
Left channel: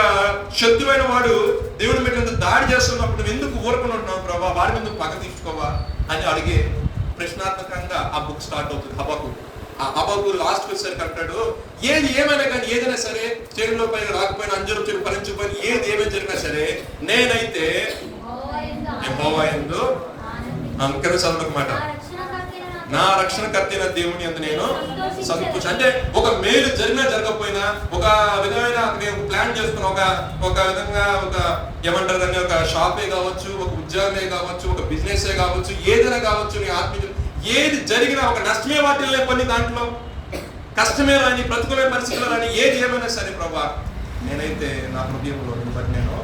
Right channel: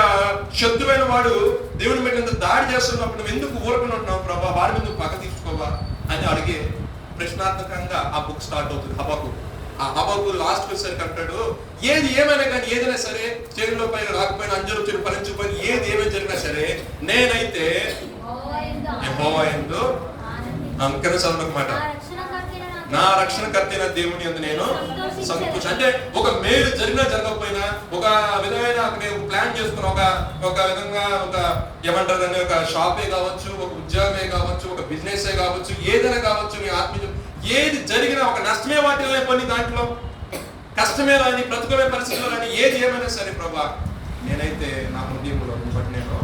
శత్రువైన వాడు దేవుని మీద దాడి చేస్తున్నప్పుడు నువ్వు ఎందుకు ఊరుకుని ఉంటున్నావు ప్రభా, వారి మీద పగ తీసుకోవా అని అడిగే ప్రశ్నాత్మకంగా ఆ బుక్ స్టార్ట్ అవుతుంది. హబక్కూకు. ఆ హబక్కూకు లాస్ట్ వచ్చేసరికి అంటాడు, ఏమైనా కానీ ఏదైనా సరే చేతిలో పైన రాకపోయినా అంజలు చెడు ఫలించిపోయిన ఏమైనా జరిగినా సరే నేనైతే యెహోవా యందు మాట నా రక్షణకర్తైన దేవుని యందు నేను సంతోషం. అంటే ఒక మేలు జరిగినా జరగకపోయినా ఒక విధమైన మేము ప్లాన్ చేస్తున్నాం, ఒక విధంగా ఒక ఏమంటారు దాన్ని, ఒక షాపే కావచ్చు, ఒక ఉద్యోగమే కావచ్చు, ఒక బిజినెస్ కావచ్చు, ఏదైనా కావచ్చు, నీ ఆత్మీయ ఏది జరిగినా ఒక నష్టమే వాటిల్లో కొన్ని దాంట్లో కష్టమే రాని ప్రతికూల పరిస్థితులు రాని ఏది ఏమైనా సరే ప్రభా నేనైతే నా హృదయంలో బట్టి నేను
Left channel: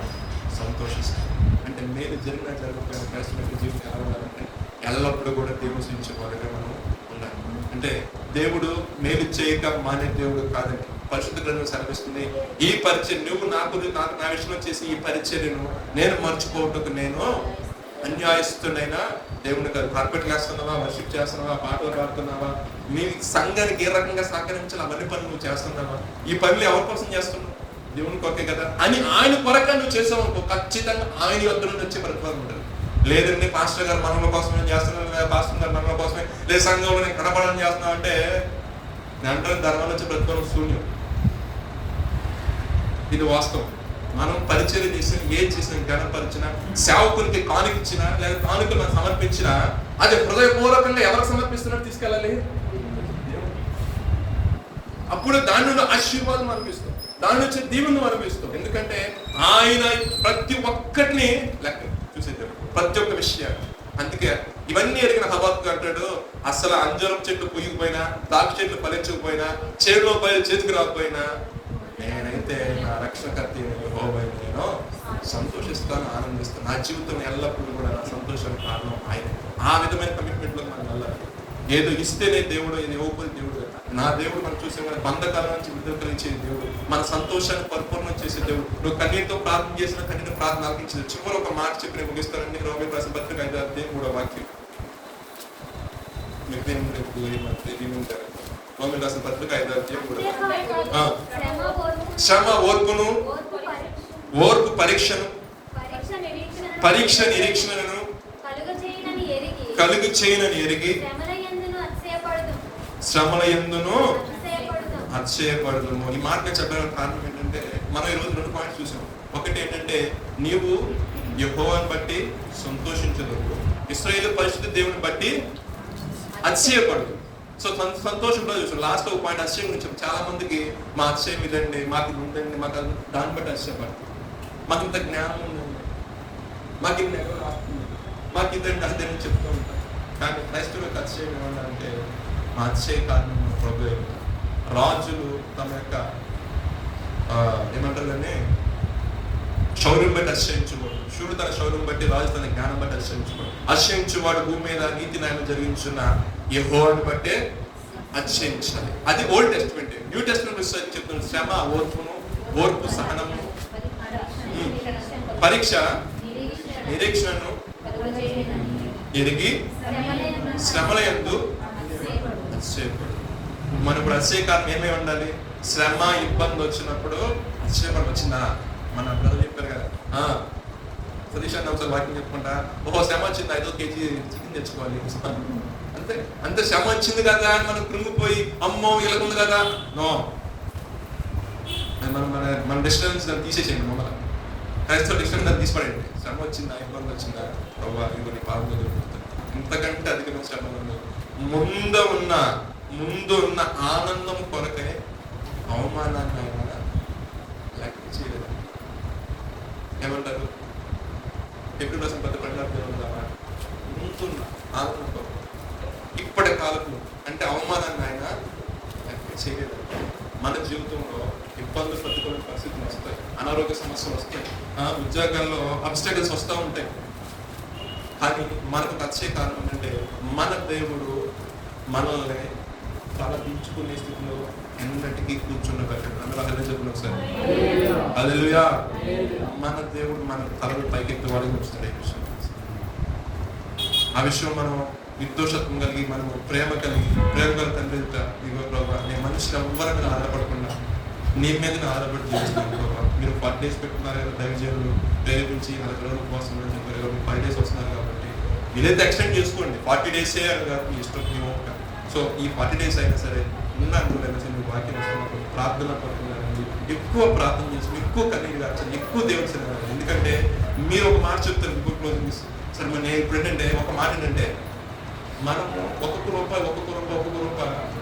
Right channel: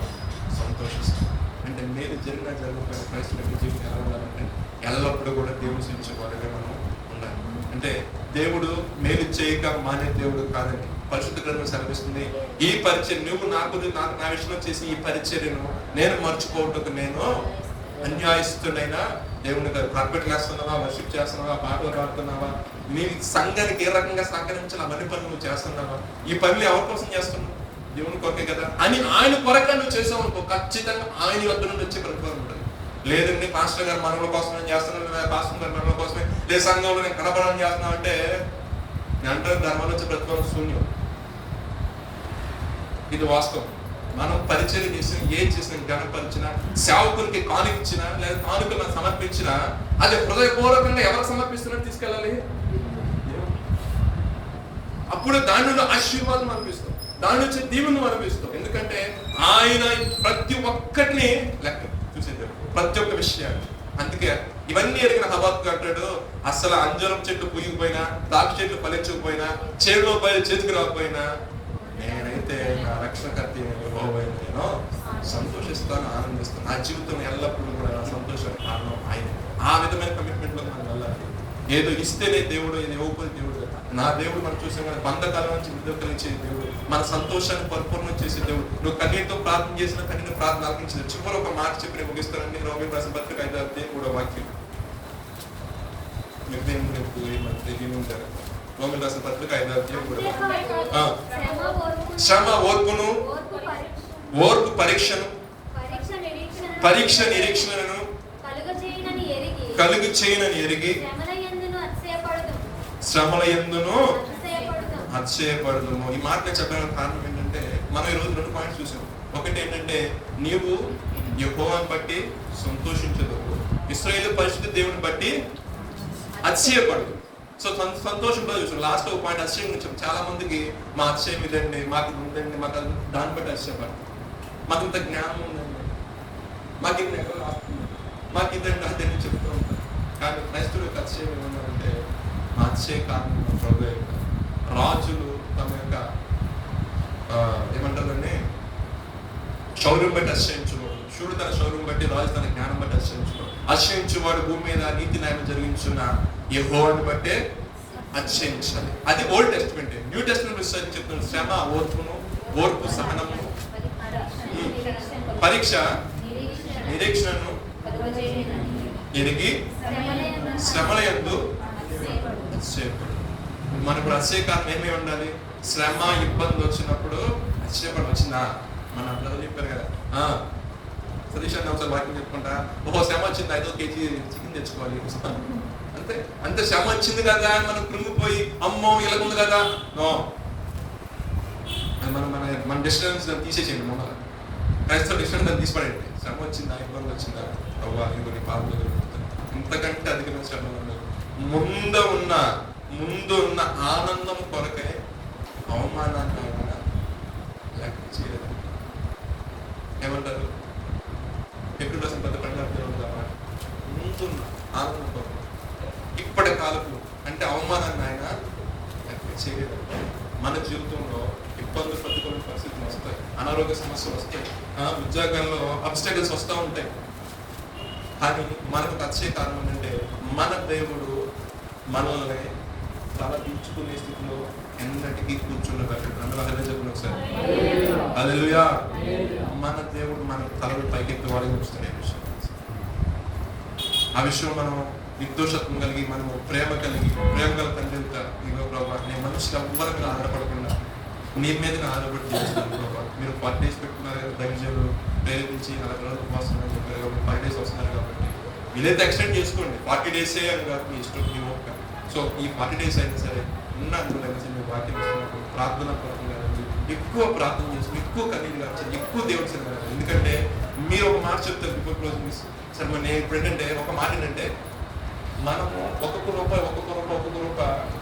సంతోషిస్తాను. అంటే మేలు జరిగినా జరగకపోయినా పరిస్థితులు జీవితం కావాలంటే ఎల్లప్పుడూ కూడా దేవుని వాడుగా మనం ఉండాలి. అంటే దేవుడు మేలు చేయక మానే దేవుడు కాదండి. పరిశుద్ధ గ్రంథం సెలవిస్తుంది, ఈ పరిచయం నువ్వు నాకు నా విషయంలో చేసి ఈ పరిచర్యను నేను మర్చిపోవటకు నేను అన్యాయస్తునైనా దేవుని గారు కార్పెట్ వేస్తున్నావా, వర్షిప్ చేస్తున్నావా, పాటలు పాడుతున్నావా, నీ సంఘానికి ఏ రకంగా సహకరించిన అవన్నీ పనులు నువ్వు చేస్తున్నావా, ఈ పనులు ఎవరి కోసం చేస్తున్నావు, దేవుని కొరకే కదా అని ఆయన కొరకే నువ్వు చేసావు, ఖచ్చితంగా ఆయన యొద్ద నుండి వచ్చే ప్రతిఫలం ఉంటుంది. లేదండి పాస్టర్ గారు మనల కోసమే చేస్తున్నాం, పాస్టర్ గారు మనల కోసమే, లేదు సంఘంలో నేను కనపడాలని చేస్తున్నావు అంటే అంటే దానివల్ల వచ్చే ప్రతిఫలం శూన్యం. ఇది వాస్తవం. మనం పరిచయం చేసిన ఏం చేసిన ఘనపరిచిన, సేవకులకి కానుకిచ్చినా లేదా కానుకలు సమర్పించినా అది హృదయపూర్వకంగా ఎవరు సమర్పిస్తున్నట్టు తీసుకెళ్ళాలి. అప్పుడు దాని నుండి ఆశీర్వాదం అనిపిస్తాం, దాని నుంచి దీవుని అనిపిస్తాం. ఎందుకంటే ఆయన ప్రతి ఒక్కటిని లెక్క చూసేది, ప్రతి ఒక్క విషయాన్ని. అందుకే ఇవన్నీ ఎరిగిన హబాక్కు అంటాడు, అసలు అంజరం చెట్టు పుయ్యకపోయినా, ద్రాక్ష చెట్లు ఫలించకపోయినా, చేతిలో పైలు చేతికి రాకపోయినా నేనైతే నా రక్షణకర్త నేను సంతోషిస్తాను, ఆనందిస్తాను. నా జీవితం ఎల్లప్పుడూ కూడా నా సంతోషానికి కారణం ఆయన. ఆ విధమైన కమిట్మెంట్ లో మనం వెళ్ళాలి. ఏదో ఇస్తేనే దేవుడు, ఏదో ఇవ్వకపోతే దేవుడు. నా దేవుడు మనం చూసాం కదా, బంధకాల నుంచి విడుదల కలిగించే దేవుడు, మన సంతోషాన్ని పరిపూర్ణం చేసే దేవుడు. నువ్వు కన్నీటితో ప్రార్థన చేసిన కన్నీటి ప్రార్థన ఆలకించదు. చివరి ఒక మాట చెప్పి ముగిస్తానని రోమిలకు రాసిన పత్రిక 5వ అధ్యాయం 3వ వాక్యం. రోమిలకు రాసిన పత్రిక 5వ అధ్యాయం 3వ వాక్యం. శ్రమ ఓర్పును, ఓర్పు పరీక్షను, పరీక్ష నిరీక్షణను కలుగు చేయనని ఎరిగి శ్రమల యందును అతిశయపడదు. ఈ మాట చెప్పడానికి కారణం ఏంటంటే మనం ఈరోజు 2 పాయింట్స్ చూసాం. ఒకటి ఏంటంటే నీవు యెహోవాను బట్టి సంతోషించదు, ఇశ్రాయేలు పరిశుద్ధ దేవుని బట్టి అతిశయపడదు. సో సంతోషంగా చూసాం. లాస్ట్ ఒక పాయింట్ అతిశయం గురించి. చాలా మందికి మా అతిశయం ఇదండి, మాకు ఇది ఉందండి, మాకు దాన్ని బట్టి అతిశయపడదు. మాకు ఇంత జ్ఞానం ఉందండి, మాకు ఇంత ఎక్కడ రాస్తుంది, మాకు ఇదండి అదే చెప్తూ ఉంటాం. కానీ క్రైస్తవులకు అతిశయం ఏమన్నారంటే మా అతిశయ కారణం ప్రభు. రాజులు తమ యొక్క ఏమంటారని శౌర్యం బట్టి అతిశయించుకోడు, శూరుడు తన శౌర్యం బట్టి, రాజు తన జ్ఞానం బట్టి అతిశయించుకోడు. అతిశయించువాడు భూమి మీద నీతి న్యాయం జరిగించున్న యెహోవాను బట్టే అతిశయించాలి. అది ఓల్డ్ టెస్టిమెంట్. న్యూ టెస్టిమెంట్ చెప్తున్న శ్రమ ఓర్పును, ఓర్పు సహనము, పరీక్ష నిరీక్షణను ఎరిగి శ్రమల యందు మన ఇప్పుడు అతిశయకాలం ఏమేమి ఉండాలి? శ్రమ ఇబ్బంది వచ్చినప్పుడు అతిశయపడి వచ్చిందా? మన అందరూ చెప్పారు కదా, సతీష్ అన్న ఒకసారి వాక్యం చెప్పుకుంటా, శ్రమ వచ్చింది 5 kg చికెన్ తెచ్చుకోవాలి అంతే. అంతే శ్రమ వచ్చింది కదా అని మనం కృంగిపోయి అమ్మో ఇలాగుంది కదా, నో. మనం మన మన డిస్టర్బెన్స్ దాన్ని తీసేసేయండి. మమ్మల్ని క్రైస్తవ డిస్టర్బెన్స్ దాన్ని తీసిపడండి. శ్రమ వచ్చిందా, ఇబ్బంది వచ్చిందా, పాల్గొని ఇంతకంటే అధికమైన శ్రమ ఉండదు. ముందు ఉన్న ఆనందం కొరకే అవమానాన్ని లెక్క చేయలేదు. ఏమంటారు? ఎప్పుడు కోసం పెద్ద పండుగ ముందున్న ఆనందం కొరకు ఇప్పటి కాలంలో అంటే అవమానాన్ని ఆయన లెక్క చేయలేదు. మన జీవితంలో ఇబ్బందులు, ప్రతికూల పరిస్థితులు వస్తాయి, అనారోగ్య సమస్యలు వస్తాయి, ఉద్యోగాల్లో అబ్స్టకల్స్ వస్తూ ఉంటాయి. కానీ మనకు వచ్చే కారణం అంటే మన దేవుడు మనల్ని సమర్థించుకునే స్థితిలో ఎన్నటికీ కూర్చున్నబట్టాడు. అందరూ చెప్పిన ఒకసారి హల్లెలూయా. మన దేవుడు మన తలలు పైకెత్తి వాడి ఉంచుతాడు. ఆ విషయం మనం నిర్దోషత్వం కలిగి, మనం ప్రేమ కలిగి తండ్రి నేను మనుషులు ఎవ్వరి మీద ఆధారపడకుండా నీ మీద ఆధారపడి చేస్తున్నాను బాబా. మీరు 40 days పెట్టుకున్నారు కదా, దైవజనులు ప్రేరేపించి 40 రోజుల కోసం అని చెప్పారు. 5 days వస్తున్నారు కాబట్టి మీరైతే ఎక్స్టెండ్ చేసుకోండి. 40 days అని కాదు, మీ ఇష్టం, మీ ఓపిక. సో ఈ 40 days అయినా సరే ఉన్నాను మీ వాక్యం ఇస్తున్నప్పుడు ప్రార్థన పడుతున్నారండి, ఎక్కువ ప్రార్థన చేసి, ఎక్కువ కన్నీళ్ళు కాల్చండి, ఎక్కువ దేవుడి సరిగ్గా. ఎందుకంటే మీరు ఒక మాట చెప్తారు ఇంకొక సరే. మన ఇప్పుడు ఏంటంటే ఒక మాట ఏంటంటే మనము ఒక్కొక్క రూపాయి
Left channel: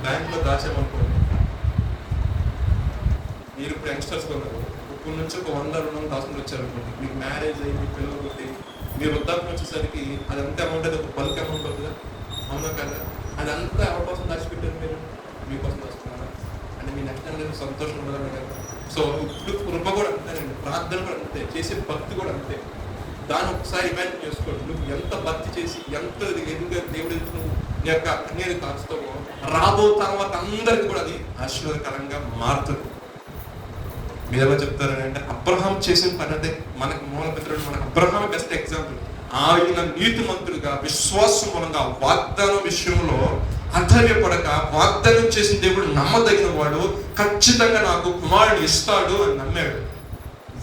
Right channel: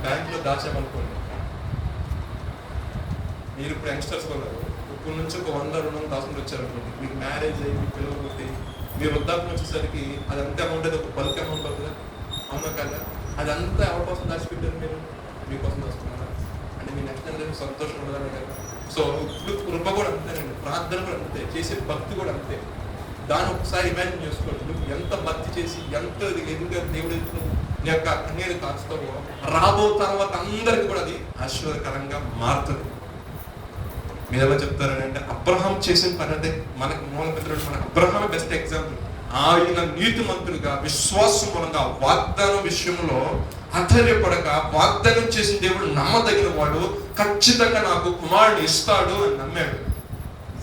బ్యాంకులో దాచామనుకోండి. మీరు ఇప్పుడు యంగ్స్టర్స్ ఉన్నారు, ఇప్పుడు నుంచి ఒక 100-200 దాచుకుని వచ్చారనుకోండి. మీకు మ్యారేజ్ అయ్యి, మీ పిల్లలు పుట్టి, మీరు వృద్ధాప్యం వచ్చేసరికి అది అంతే అమౌంట్, అది ఒక బల్క్ అమౌంట్ అవుతుంది. అవునా కదా? అదంతా ఎవరి కోసం దాచిపెట్టారు? మీరు మీకోసం దాచుకున్నారా? అంటే మీ నెక్స్ట్ అందరికి సంతోషం ఉండదని కదా. సో ఇప్పుడు కృప కూడా అంతేనండి, ప్రార్థన కూడా అంతే, చేసే భక్తి కూడా అంతే. దాన్ని ఒకసారి ఇమాజిన్ చేసుకోండి. నువ్వు ఎంత భక్తి చేసి ఎంత ఎదుగుగా దేవుడి నీ యొక్క కన్నీరు కాచుతావో రాబో తర్వాత అందరికి కూడా అది ఆశీర్వాదకరంగా మారుతుంది. మీరు ఎలా చెప్తారంటే అబ్రహాం చేసిన పని అంటే మనకు మూలపిత్రుడు మన అబ్రహాం బెస్ట్ ఎగ్జాంపుల్. ఆయన నీతిమంతుడుగా విశ్వాసం మూలంగా వాగ్దానం విషయంలో ఆశ్చర్యపడక వాగ్దానం చేసిన దేవుడు నమ్మదగిన వాడు, ఖచ్చితంగా నాకు కుమారుడు ఇస్తాడు అని నమ్మాడు.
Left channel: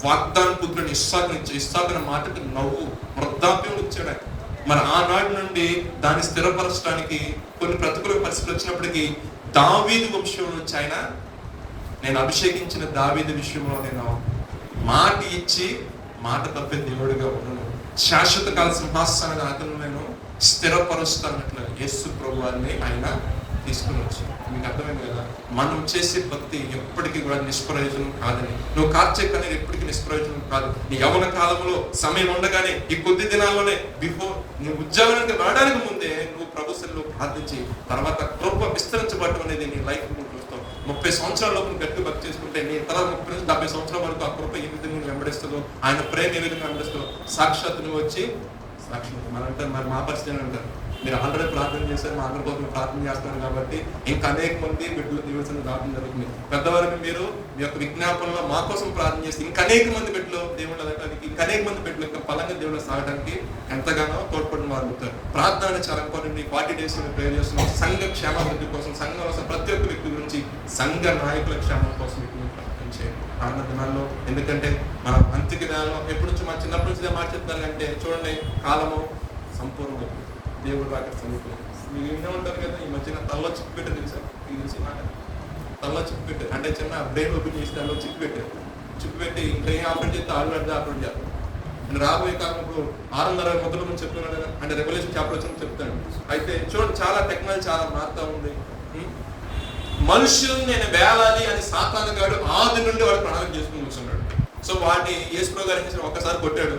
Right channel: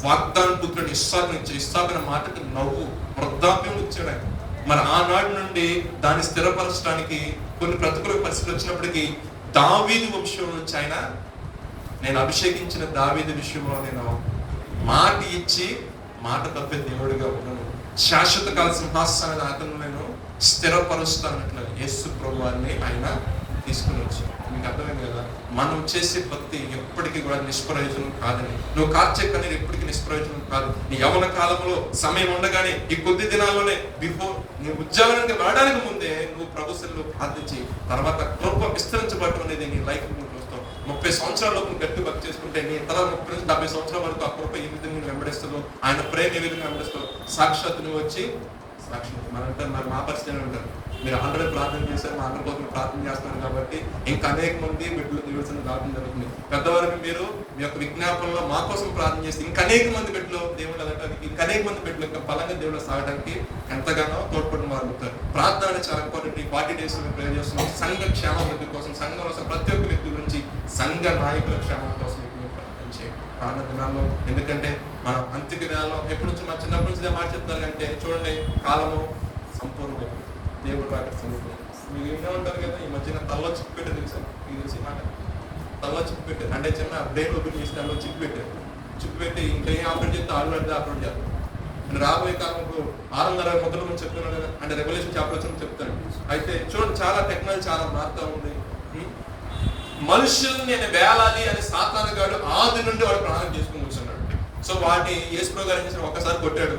వాగ్దానం పుత్రుని ఇస్తాదన్న మాటకి నవ్వు వృద్ధాప్యం వచ్చాడు. మరి ఆనాటి నుండి దాన్ని స్థిరపరచడానికి కొన్ని ప్రతికూల పరిస్థితులు వచ్చినప్పటికీ దావీదు వంశంలో వచ్చి ఆయన నేను అభిషేకించిన దావీదు విషయంలో నేను మాట ఇచ్చి మాట తప్పే దేవుడిగా ఉన్నాను, శాశ్వత కాల సింహాసనాన్ని అతను నేను స్థిరపరుస్తానట్ల యేసు ప్రభువాన్ని ఆయన తీసుకుని వచ్చాను. మీకు అర్థమైంది కదా, మనం చేసే భక్తి ఎప్పటికీ కూడా నిష్ప్రయోజనం కాదని. నువ్వు కార్చే కానీ ఎప్పటికీ నిష్ప్రయోజనం కాదు. నీ యవ్వన కాలంలో సమయం ఉండగానే ఈ కొద్ది దినాల్లోనే బిఫోర్ నువ్వు ఉద్యోగానికి వెళ్ళడానికి ముందే నువ్వు ప్రభుత్వంలో ప్రార్థించి తర్వాత కృప విస్తరించబడటం అనేది నీ లైఫ్ నువ్వు చూస్తావు. 30 సంవత్సరాలకు నువ్వు గట్టి వర్క్ చేసుకుంటే నీ తల 30 నుంచి 70 సంవత్సరాల వరకు ఆ కృప ఏ విధంగా వెంబడిస్తుందో, ఆయన ప్రేమ ఏ విధంగా వెంబడిస్తుందో సాక్షాత్ నువ్వు వచ్చి సాక్షాత్ మనంటే మరి మా పరిస్థితి ఉంటారు. మీరు అందరూ ప్రార్థన చేశారు, మా అందరి కోసం ప్రార్థన చేస్తున్నారు కాబట్టి ఇంకా అనేక మంది బిడ్డలు దీవించడం ప్రార్థన జరుగుతుంది. పెద్దవారిని మీరు మీ యొక్క విజ్ఞాపనలో మా కోసం ప్రార్థన చేస్తే ఇంకా అనేక మంది బిడ్డలు దేవుడు వెళ్ళడానికి, ఇంకా అనేక మంది బిడ్డలు యొక్క బలంగా దేవుడు సాగడానికి ఎంతగానో తోడ్పడిన వారు ఉంటారు. ప్రార్థన చాలా ఇంపార్టెంట్. 40 days ప్రేయర్ చేస్తున్నాం సంఘ క్షేమాభివృద్ధి కోసం, సంఘంలో ప్రతి ఒక్క వ్యక్తి గురించి, సంఘ నాయకుల క్షేమం కోసం ప్రార్థన దినాల్లో. ఎందుకంటే మనం అంత్య దినాల్లో ఎప్పటి నుంచి మా చిన్నప్పటి నుంచి మాట చెప్తానంటే చూడండి, కాలము సంపూర్ణం, దేవుడు రాక సమీపం. మీరు ఏమే ఉంటారు కదా, ఈ మధ్యన తల్లో చిక్కు పెట్టారు తెలుసా? ఇది తెలిసి మాట తల్లో చిక్కు పెట్టారు అంటే చిన్న బ్రెయిన్ ఓపెన్ చేసి తల్లో చిక్కు పెట్టారు. చిక్కు పెట్టి ఇంకా ఏం ఆపరేట్ చేస్తే ఆపరేట్ చేస్తారు. నేను రాబోయే కాలంలో 6:30 మొదలు మనం చెప్తున్నాను కదా, అంటే రెవల్యూషన్ చాప్టర్ వచ్చి చెప్తాడు. అయితే చూడండి, చాలా టెక్నాలజీ చాలా మారుతా ఉంది. మనుషుల్ని నేను వేలాలి అని సాతాను గాడు ఆది నుండి వాడు ప్రణాళిక చేసుకుని కూర్చున్నాడు. సో వాడిని యేసు గారు ఒక్కసారి కొట్టాడు,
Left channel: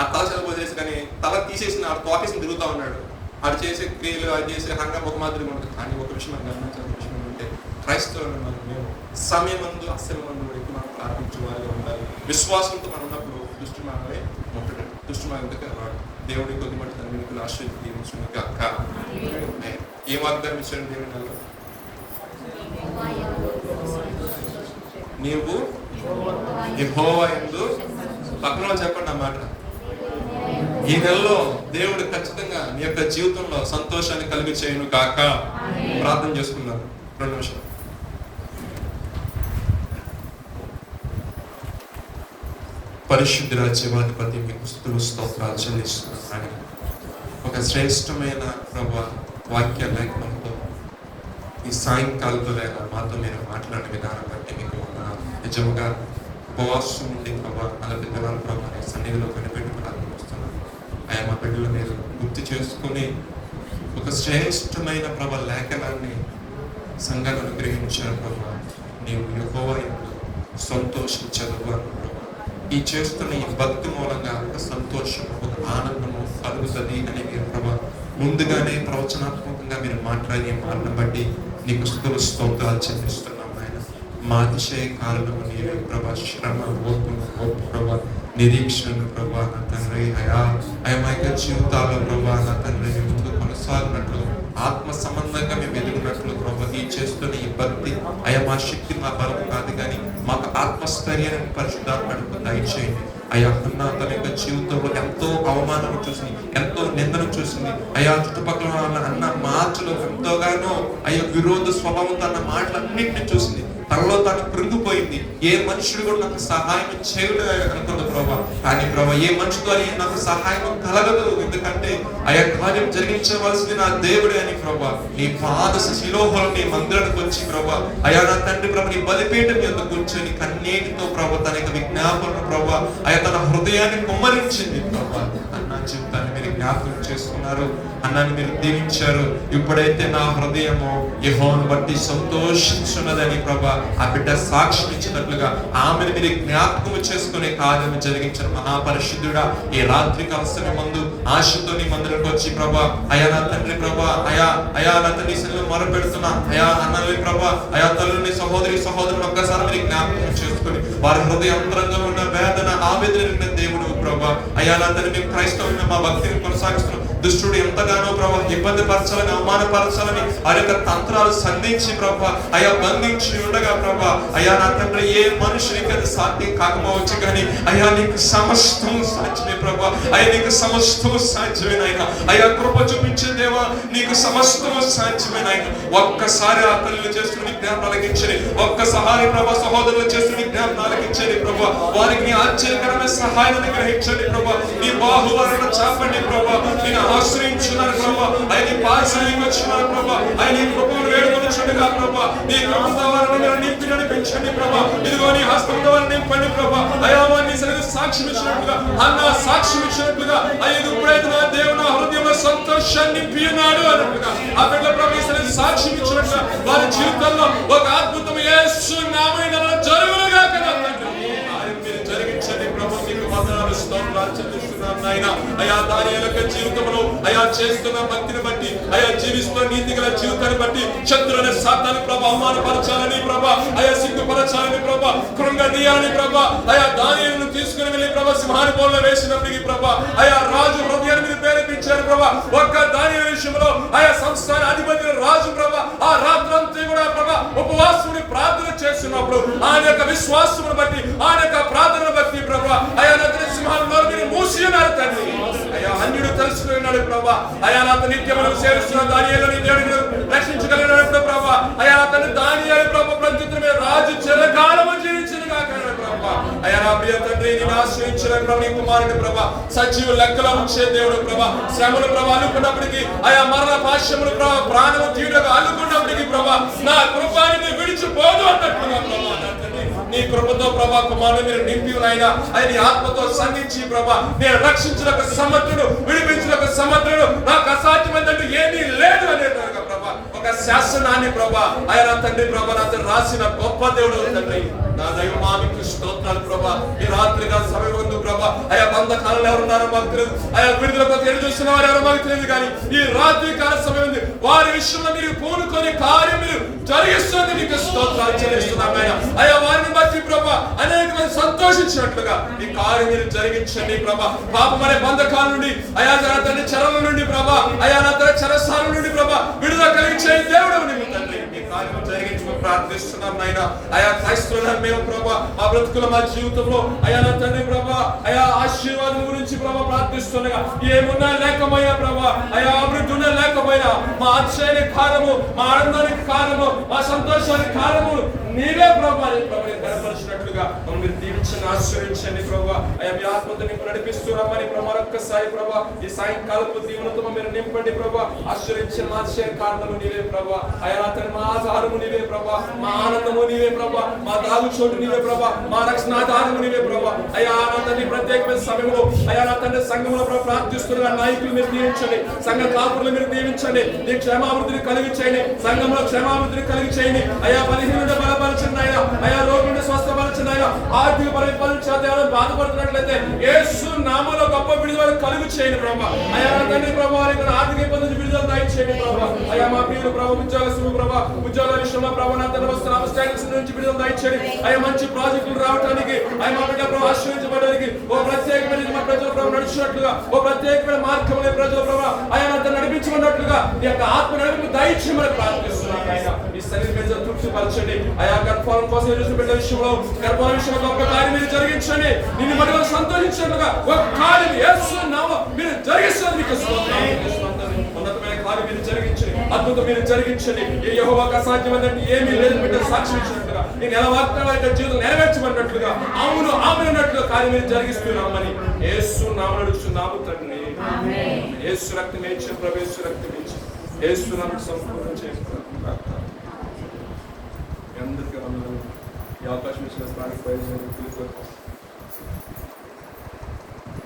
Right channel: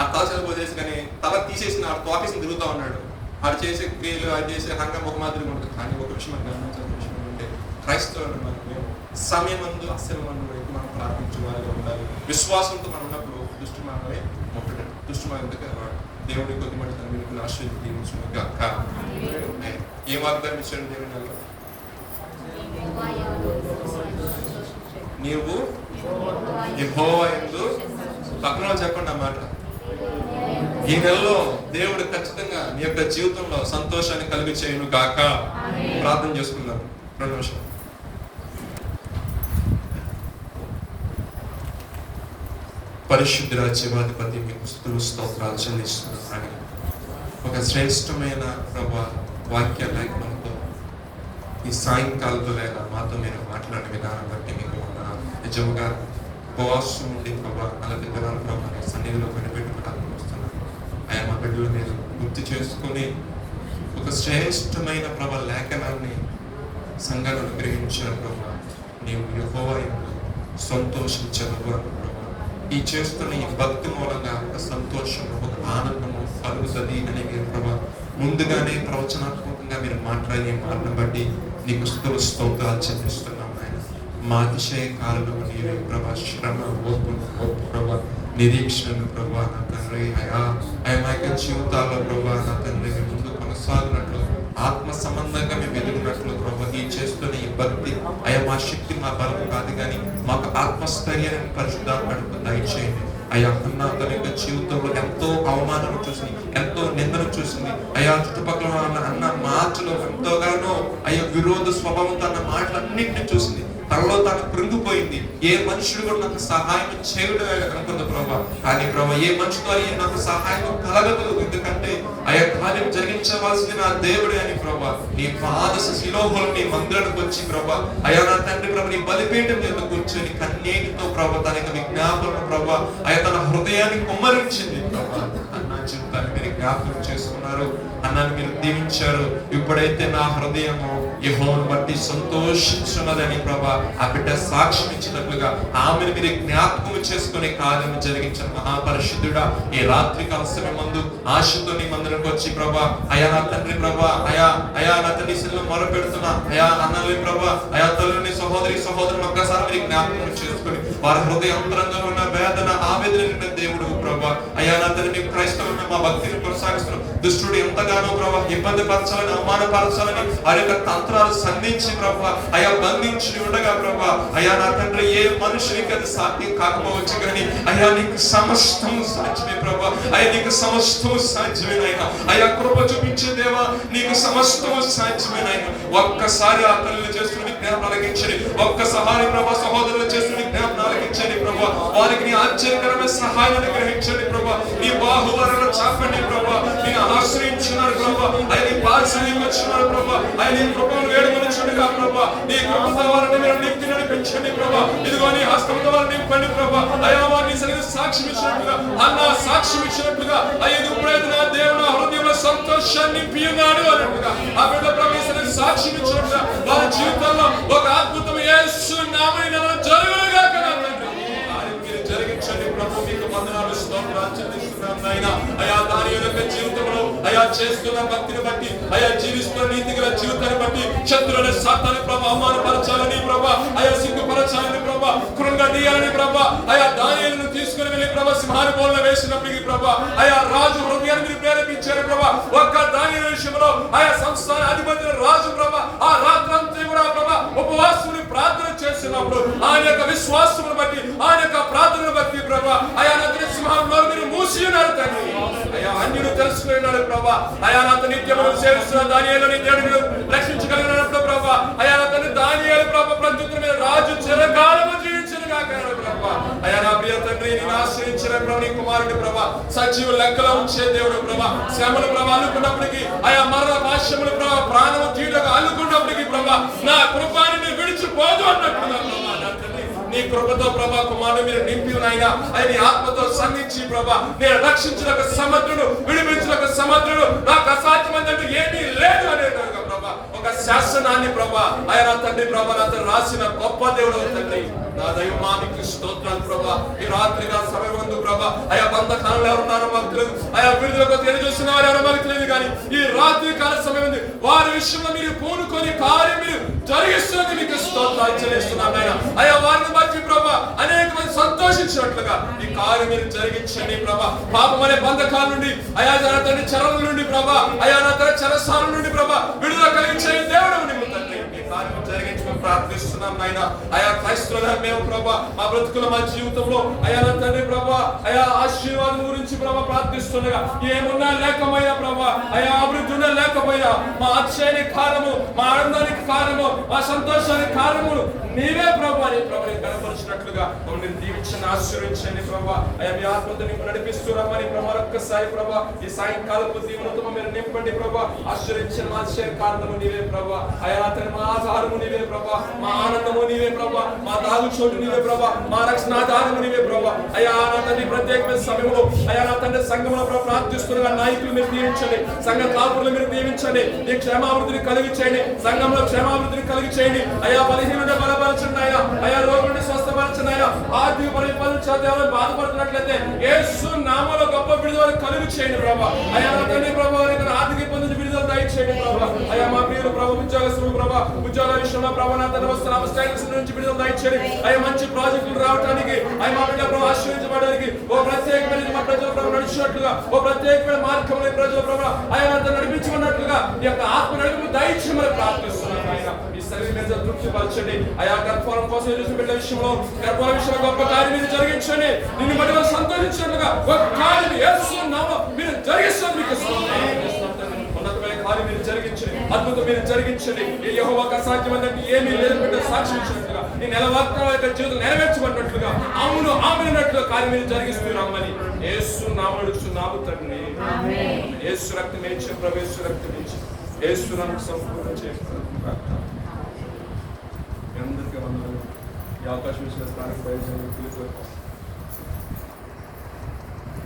ఆ తల చదువుచేసి కానీ తల తీసేసి ఆ తోకేసి తిరుగుతా ఉన్నాడు. అది చేసే క్రియలు, అది చేసే హంగం ఒక మాదిరిగా ఉంటుంది. కానీ ఒక విషయం మనం గమనించాల్సిన విషయం ఏంటంటే, క్రైస్తవులు మనం సమయం మందు అస్సలు మనం ఎక్కువ మనం ప్రార్థించాలి ఉండాలి. విశ్వాసంతో మనం ఉన్నప్పుడు దృష్టి మనమే ముట్టడం, దృష్టి మన దగ్గర రాడు. దేవుడి కొద్ది మట్టి తన మీకు ఆశ్రయించాక ఏ వాగ్దానం ఇచ్చాడు దేవుని? నీవు యెహోవా యందు పక్కన చెప్పండి అన్నమాట. ఈ నెలలో దేవుడు ఖచ్చితంగా నీ యొక్క జీవితంలో సంతోషాన్ని కలిగి చేయను కాక ప్రార్థన చేసుకున్నాను. 2 నిమిషాలు. పరిశుద్ధ రాజ్యాధిపతి మీకు స్తోత్రాలు చెల్లిస్తున్నాను. ఒక శ్రేష్టమైన ప్రభావ వాక్య లేఖనంతో ఈ సాయంకాలంలో మాతో మీరు మాట్లాడే విధానం బట్టి మీకు వందనాలు. నిజంగా ఉపవాసం ఉండి ప్రభావ అలాంటి దినాలు ప్రభావ సన్నిధిలో కనిపెట్టుకోవడానికి వస్తున్నాను. ఆయన మా బిడ్డలు మీరు గుర్తు చేసుకుని ఒక శ్రేష్టమైన ప్రభావ లేఖనాన్ని సంఘాలను గ్రహించారు ప్రభావ. నీవు యెహోవా యందు సంతోషించగలరు. ఈ చేస్తున్న ఈ భక్తి మూలంగా ఒక సంతోషం, ఒక ఆనందము కలుగుతుంది అనే ప్రభావ ముందుగానే ప్రవచనాత్మకంగా మీరు మాట్లాడే మాటను బట్టి నీకు స్తోత్రాలు చెల్లిస్తున్నాం. ఆయన మా అతిశయ కాలంలో నీవే ప్రభా, శ్రమ ఓర్పు ప్రభా, నిరీక్షణ ప్రభా నా తండ్రి. అయా మా యొక్క జీవితాల్లో ప్రభా నా తండ్రి ముందు కొనసాగినట్లు, ఆత్మ సంబంధంగా మేము ఎదుగునట్లు ప్రభా ఈ చేస్తున్న ఈ భక్తి అయా మా శక్తి మా బలం కాదు కానీ మాకు ఆత్మస్థైర్యాన్ని పరిశుద్ధాత్మకు దయచేయండి. అయా తన యొక్క జీవితంలో ఎంతో అవమానం చూసింది, ఎంతో నిందను చూసింది. అయా చుట్టుపక్కల అన్న మాటలు ఎంతోగానో అయ్యా విరోధ స్వభావం అన్న మాటలన్నింటినీ చూసింది. తనలో తాను కృంగిపోయింది. ఏ మనుషులు కూడా నాకు సహాయం చేయలేదు అనుకుంది ప్రభా. కానీ ప్రభా ఏ మనుషులు అయ్యి నాకు సహాయం కలగదు, ఎందుకంటే అయా కార్యం జరిగించవలసింది నా దేవుడే అని ప్రభా. నీ పాద శిలోహులు నీ మందిరానికి వచ్చి ప్రభా అయా నా తండ్రి ప్రభా నీ బలిపీఠం మీద కూర్చొని కన్నీటితో ప్రభా తన యొక్క విజ్ఞాపన ప్రభా అయా తన హృదయాన్ని కుమ్మరించింది ప్రభా. అన్న జీవితాన్ని మీరు జ్ఞాపకం చేసుకున్నారు, అన్నాన్ని మీరు దీవించారు. ఇప్పుడైతే నా హృదయము యెహోవాను బట్టి సంతోషించున్నదని ప్రభా ఆ బిడ్డ సాక్ష్యం ఇచ్చినట్లుగా ఆమెను మీరు జ్ఞాపకం చేసుకునే కార్యం జరిగించిన మహాపరిశుద్ధుడా, ఈ రాత్రి కాల మందు ఆశతో నీ మందిరంకి వచ్చి ప్రభా అయా నా తండ్రి ప్రభా అయా నా తండ్రి మొరపెడుతున్నా అయా అన్నది ప్రభా అయా తల్లిని సహోదరులను ఒక్కసారి మీరు జ్ఞాపకం చేసుకుని వారి హృదయ అంతరంగంలో ఉన్న వేదన ఆవేదన దేవుడు ప్రభా. అయ్యా నా తండ్రి మేము క్రైస్తవులైన మా భక్తిని కొనసాగిస్తున్నాం. దుష్టుడు ఎంతగానో ప్రభా ఇబ్బంది పరచాలని, అవమానపరచాలని ఆ యొక్క తంత్రాలు సంధించి ప్రభా అయ్యా బంధించి ఉండగా ప్రభా అయ్యా నా తండ్రి ఏ మనుషునికి అది సాధ్యం కాకపోవచ్చు కానీ అయ్యా నీకు సమస్తము సాధ్యమే ప్రభా. అయ్యా నీకు సమస్తము సాధ్యమేనాయన. అయ్యా కృప చూపించే దేవా నీకు సమస్తము సాధ్యమేనాయన. ఒక్కసారి ఆ తల్లి చేస్తున్న జ్ఞాపకం ఆలకించండి. ఒక్కసారి ప్రభా సహోదరులు చేస్తున్న జ్ఞాపకం ఆలకించండి ప్రభా. వారికి నీ ఆశ్చర్యకరమైన సహాయం గ్రహించండి ప్రభా. నీ బాహువలను చాపండి ప్రభా. నేను ఆశ్రయించున్నాను ప్రభా. ఆయన పారిశ్రామిక వచ్చినాను ప్రభా. ఆయన నీ కృపను వేడుకొనిచుండగా ప్రభా. నీ కృప వారిని నింపి నడిపించండి ప్రభా. ఇదిగో నీ హస్తంతో వారిని నింపండి ప్రభా. అయ్యా వారిని సరిగ్గా సాక్ష్యం ఇచ్చినట్లుగా అన్న సాక్ష్యం ఇచ్చినట్లుగా అయ్యా ఇప్పుడైతే నా దేవుని హృదయంలో సంతోషాన్ని నింపినాడు అన్నట్లుగా ఆ బిడ్డ ప్రభు సరిగ్గా సాక్ష్యం ఇచ్చినట్లుగా వారి జీవితంలో ఒక అద్భుతం యేసు నామమున జరుగునుగా మీరు జరిగించండి ప్రభు. మీకు వందనాలు స్తోత్రాలు చెల్లిస్తున్నాం నాయన. అయా దాని యొక్క జీవితంలో అయా చేస్తున్న భక్తిని బట్టి అయా జీవిస్తున్న నీతి గల జీవితాన్ని బట్టి శత్రువుల సాతాన్ని ప్రభా అవమానపరచాలని ప్రభా అయా సిగ్గుపరచాలని ప్రభా కృంగదీయాలని ప్రభా అయా దానిని తీసుకుని వెళ్ళి ప్రభా సింహాని పోల్లో వేసినప్పటికీ ప్రభా అయా రాజు హృదయాన్ని మీరు ప్రేరేపించారు ప్రభా. ఒక్క దాని విషయంలో అయా సంస్థాన అధిపతి రాజు ప్రభా ఆ రాత్రంతా కూడా ప్రభా ఉపవాసుని ప్రార్థన చేస్తున్నప్పుడు ఆయన యొక్క విశ్వాసమును బట్టి ఆయన యొక్క ప్రార్థన బట్టి ప్రభా అయా నది సింహాలను మీరు మూసి ఉన్నారు తండ్రి. అయా అన్యుడు తెలుసుకున్నాడు ప్రభా. అయా నాత నిత్యమును సేవిస్తున్న దానియేలుని దేవుడు రక్షించగలిగినప్పుడు ప్రభా అయా అతను దానియేలు ప్రభా ప్రత్యుత్తరమే రాజు చిరకాలము జీవించిన కాక ప్రభా. అయా నా ప్రియ తండ్రి నేను ఆశ్రయించిన ప్రభు నీ కుమారుడు ప్రభా సజీవ లెక్కలో ఉంచే దేవుడు ప్రభా. శ్రమలు ప్రభా అల్లుకున్నప్పటికీ అయా మరణ భాష్యములు ప్రభా ప్రాణము తీయుటకు అల్లుకున్నప్పటికీ ప్రభా నా కృపాన్ని విడిచిపోదు అన్నట్టుగా ప్రభా నీ కృపతో ప్రభా కుమారుడు మీరు నింపి అయినా ఆయన ఆత్మతో సంధించి ప్రభా నేను రక్షించిన ఒక సమర్థుడు విడిపించిన ఒక సమర్థుడు నాకు అసాధ్యమైనట్టు ఏమీ లేదు అనేటట్టుగా ప్రభా ఒక శాసనాన్ని ప్రభా ఆయన తండ్రి ప్రభా అతను రాసిన గొప్ప దేవుడు తండ్రి. నా దైవమానికి స్తోత్రాలు ప్రభా. ఈ రాత్రిగా సమయం ఉంది ప్రభా అయా బంధకాలంలో ఎవరున్నారో మాకు తెలియదు. అయా విడుదలకు ఎదురు చూస్తున్న వారు ఎవరో మాకు తెలియదు కానీ ఈ రాత్రి కాల సమయం ఉంది. వారి విషయంలో మీరు పూనుకొని కార్యం మీరు జరిగిస్తుంది మీకు స్తోత్రాలు చెల్లిస్తున్నాను ఆయన. అయా వారిని బట్టి ప్రభా అనేక మంది సంతోషించినట్లుగా ఈ కార్యం మీరు జరిగించండి ప్రభా. పాపం అనే బంధకాల నుండి అయా నా తండ్రి చెరల నుండి ప్రభా అయా నా తండ్రి చెరసాల నుండి ప్రభా విడుదల కలిగించే దేవుడు నీవు తండ్రి. ఈ కార్యం జరిగించమని ప్రార్థిస్తున్నాం నాయన. అయా క్రైస్తవుల మేము ప్రభా మా బ్రతుకుల మా జీవితంలో అయా నా తండ్రి ప్రభా అయా ఆశీర్వాదం గురించి ప్రభా ప్రార్థిస్తుండగా ఏమున్నా లేకపోయినా ప్రభా అయా అభివృద్ధి ఉన్నా లేకపోయినా మా అతిశయానికి కారణము మా ఆనందానికి కారణము మా సంతోషానికి కారణము నీవే ప్రభా అని ప్రభుని కనపరిచినట్లుగా మమ్మల్ని మీరు దీవించండి ఆశీర్వదించండి ప్రభా. అయా మీ ఆత్మతో నింపు నడిపిస్తున్నామని మరొక్కసారి ప్రభా ఈ సాయంకాలపు దీవెనతో మీరు నింపండి ప్రభా. ఆశీర్వదించండి మా అతిశయ కారణము నీవే ప్రభా. అయా నా తండ్రి మా ఆధారము నీవే ప్రభా. మా ఆనందము నీవే ప్రభా. మా దాగు చోటు నీవే ప్రభా. మా రక్షణాధారము నీవే ప్రభా. అయా నా తండ్రి ప్రత్యేకమైన సమయంలో అయా నా తండ్రి సంఘంలో ప్రార్థిస్తున్న నాయకులు మీరు దీవించండి. సంఘ కాపురులు మీరు దీవించండి. నీ క్షేమాభివృద్ధిని కలిగి చేయండి. సంఘంలో క్షేమాభివృద్ధిని కలిగి చేయండి. అయా బలహీనుడి బలపరచండి ఆయన. అయా రోగుని స్వస్థపరచండి ఆయన. ఆర్థిక పరిపాలన బాధపడుతున్నట్లయితే యేసు నామములో గొప్ప విడుదల కలుగు చేయండి ప్రభా. అయా నా తండ్రి ప్రభా ఆర్థిక ఇబ్బంది విడుదల దయచేయండి ప్రభా. అయా మా ప్రియులు ప్రభా ఉద్యోగస్తులు ప్రభా ఉద్యోగ విషయంలో ప్రభా నా తండ్రి వస్తున్న స్టాండర్డ్స్ నుంచి విడుదల దయచేయండి. అయ్యా మంచి ప్రాజెక్టులు రావడానికి అయ్యా మా బిడ్డ ప్రభా ఆశ్రయించబడడానికి ఓ ప్రత్యేకమైన మా ప్రజల ప్రభా నడిచినట్లుగా ఓ ప్రత్యేకమైన మార్గంలో ప్రజల ప్రభా అయ్యా నాతో నడిపించమన్నట్లుగా ఈ యొక్క ఆత్మ నడిపి దయచేయమని ప్రార్థిస్తున్నాను ఆయన. ఈ శరీరం మీద తృప్తి పరచండి. అయా గర్భఫలం కోసం చూసిన బిడ్డ విషయంలో గర్భఫల విషయంలో గొప్ప కార్యం మీరు జరిగించండి. నిన్ను మరి సంతోషించినట్లుగా ఒక కార్యం యేసు నామములో మీరు జరిగిస్తుంది. మీకు ఉన్నతమైన కార్యం మీరు జరిగించండి. అద్భుతం మీరు జరిగించండి. ఈ యెహోవాకు అసాధ్యమైనట్టు ఏమీ లేదని బిడ్డ సాక్షి ఇచ్చినట్లుగా నేను ఎలా వాగ్దానం జీవితం నెరవేర్చబడినట్లుగా అవును ఆమెనట్లుగా కార్యం మీరు జరిగిస్తున్నామని యేసు నామములో అడుగుతున్నాము తండ్రి. యేసు రక్తమే ఇచ్చి ప్రవేశ రక్తం ఇచ్చి యేసు నామములో సంపూర్ణ చేస్తాను. అందరికీ వందనాలు. ఈ అవకాశం ఇచ్చిన స్థానిక ప్రయోజనం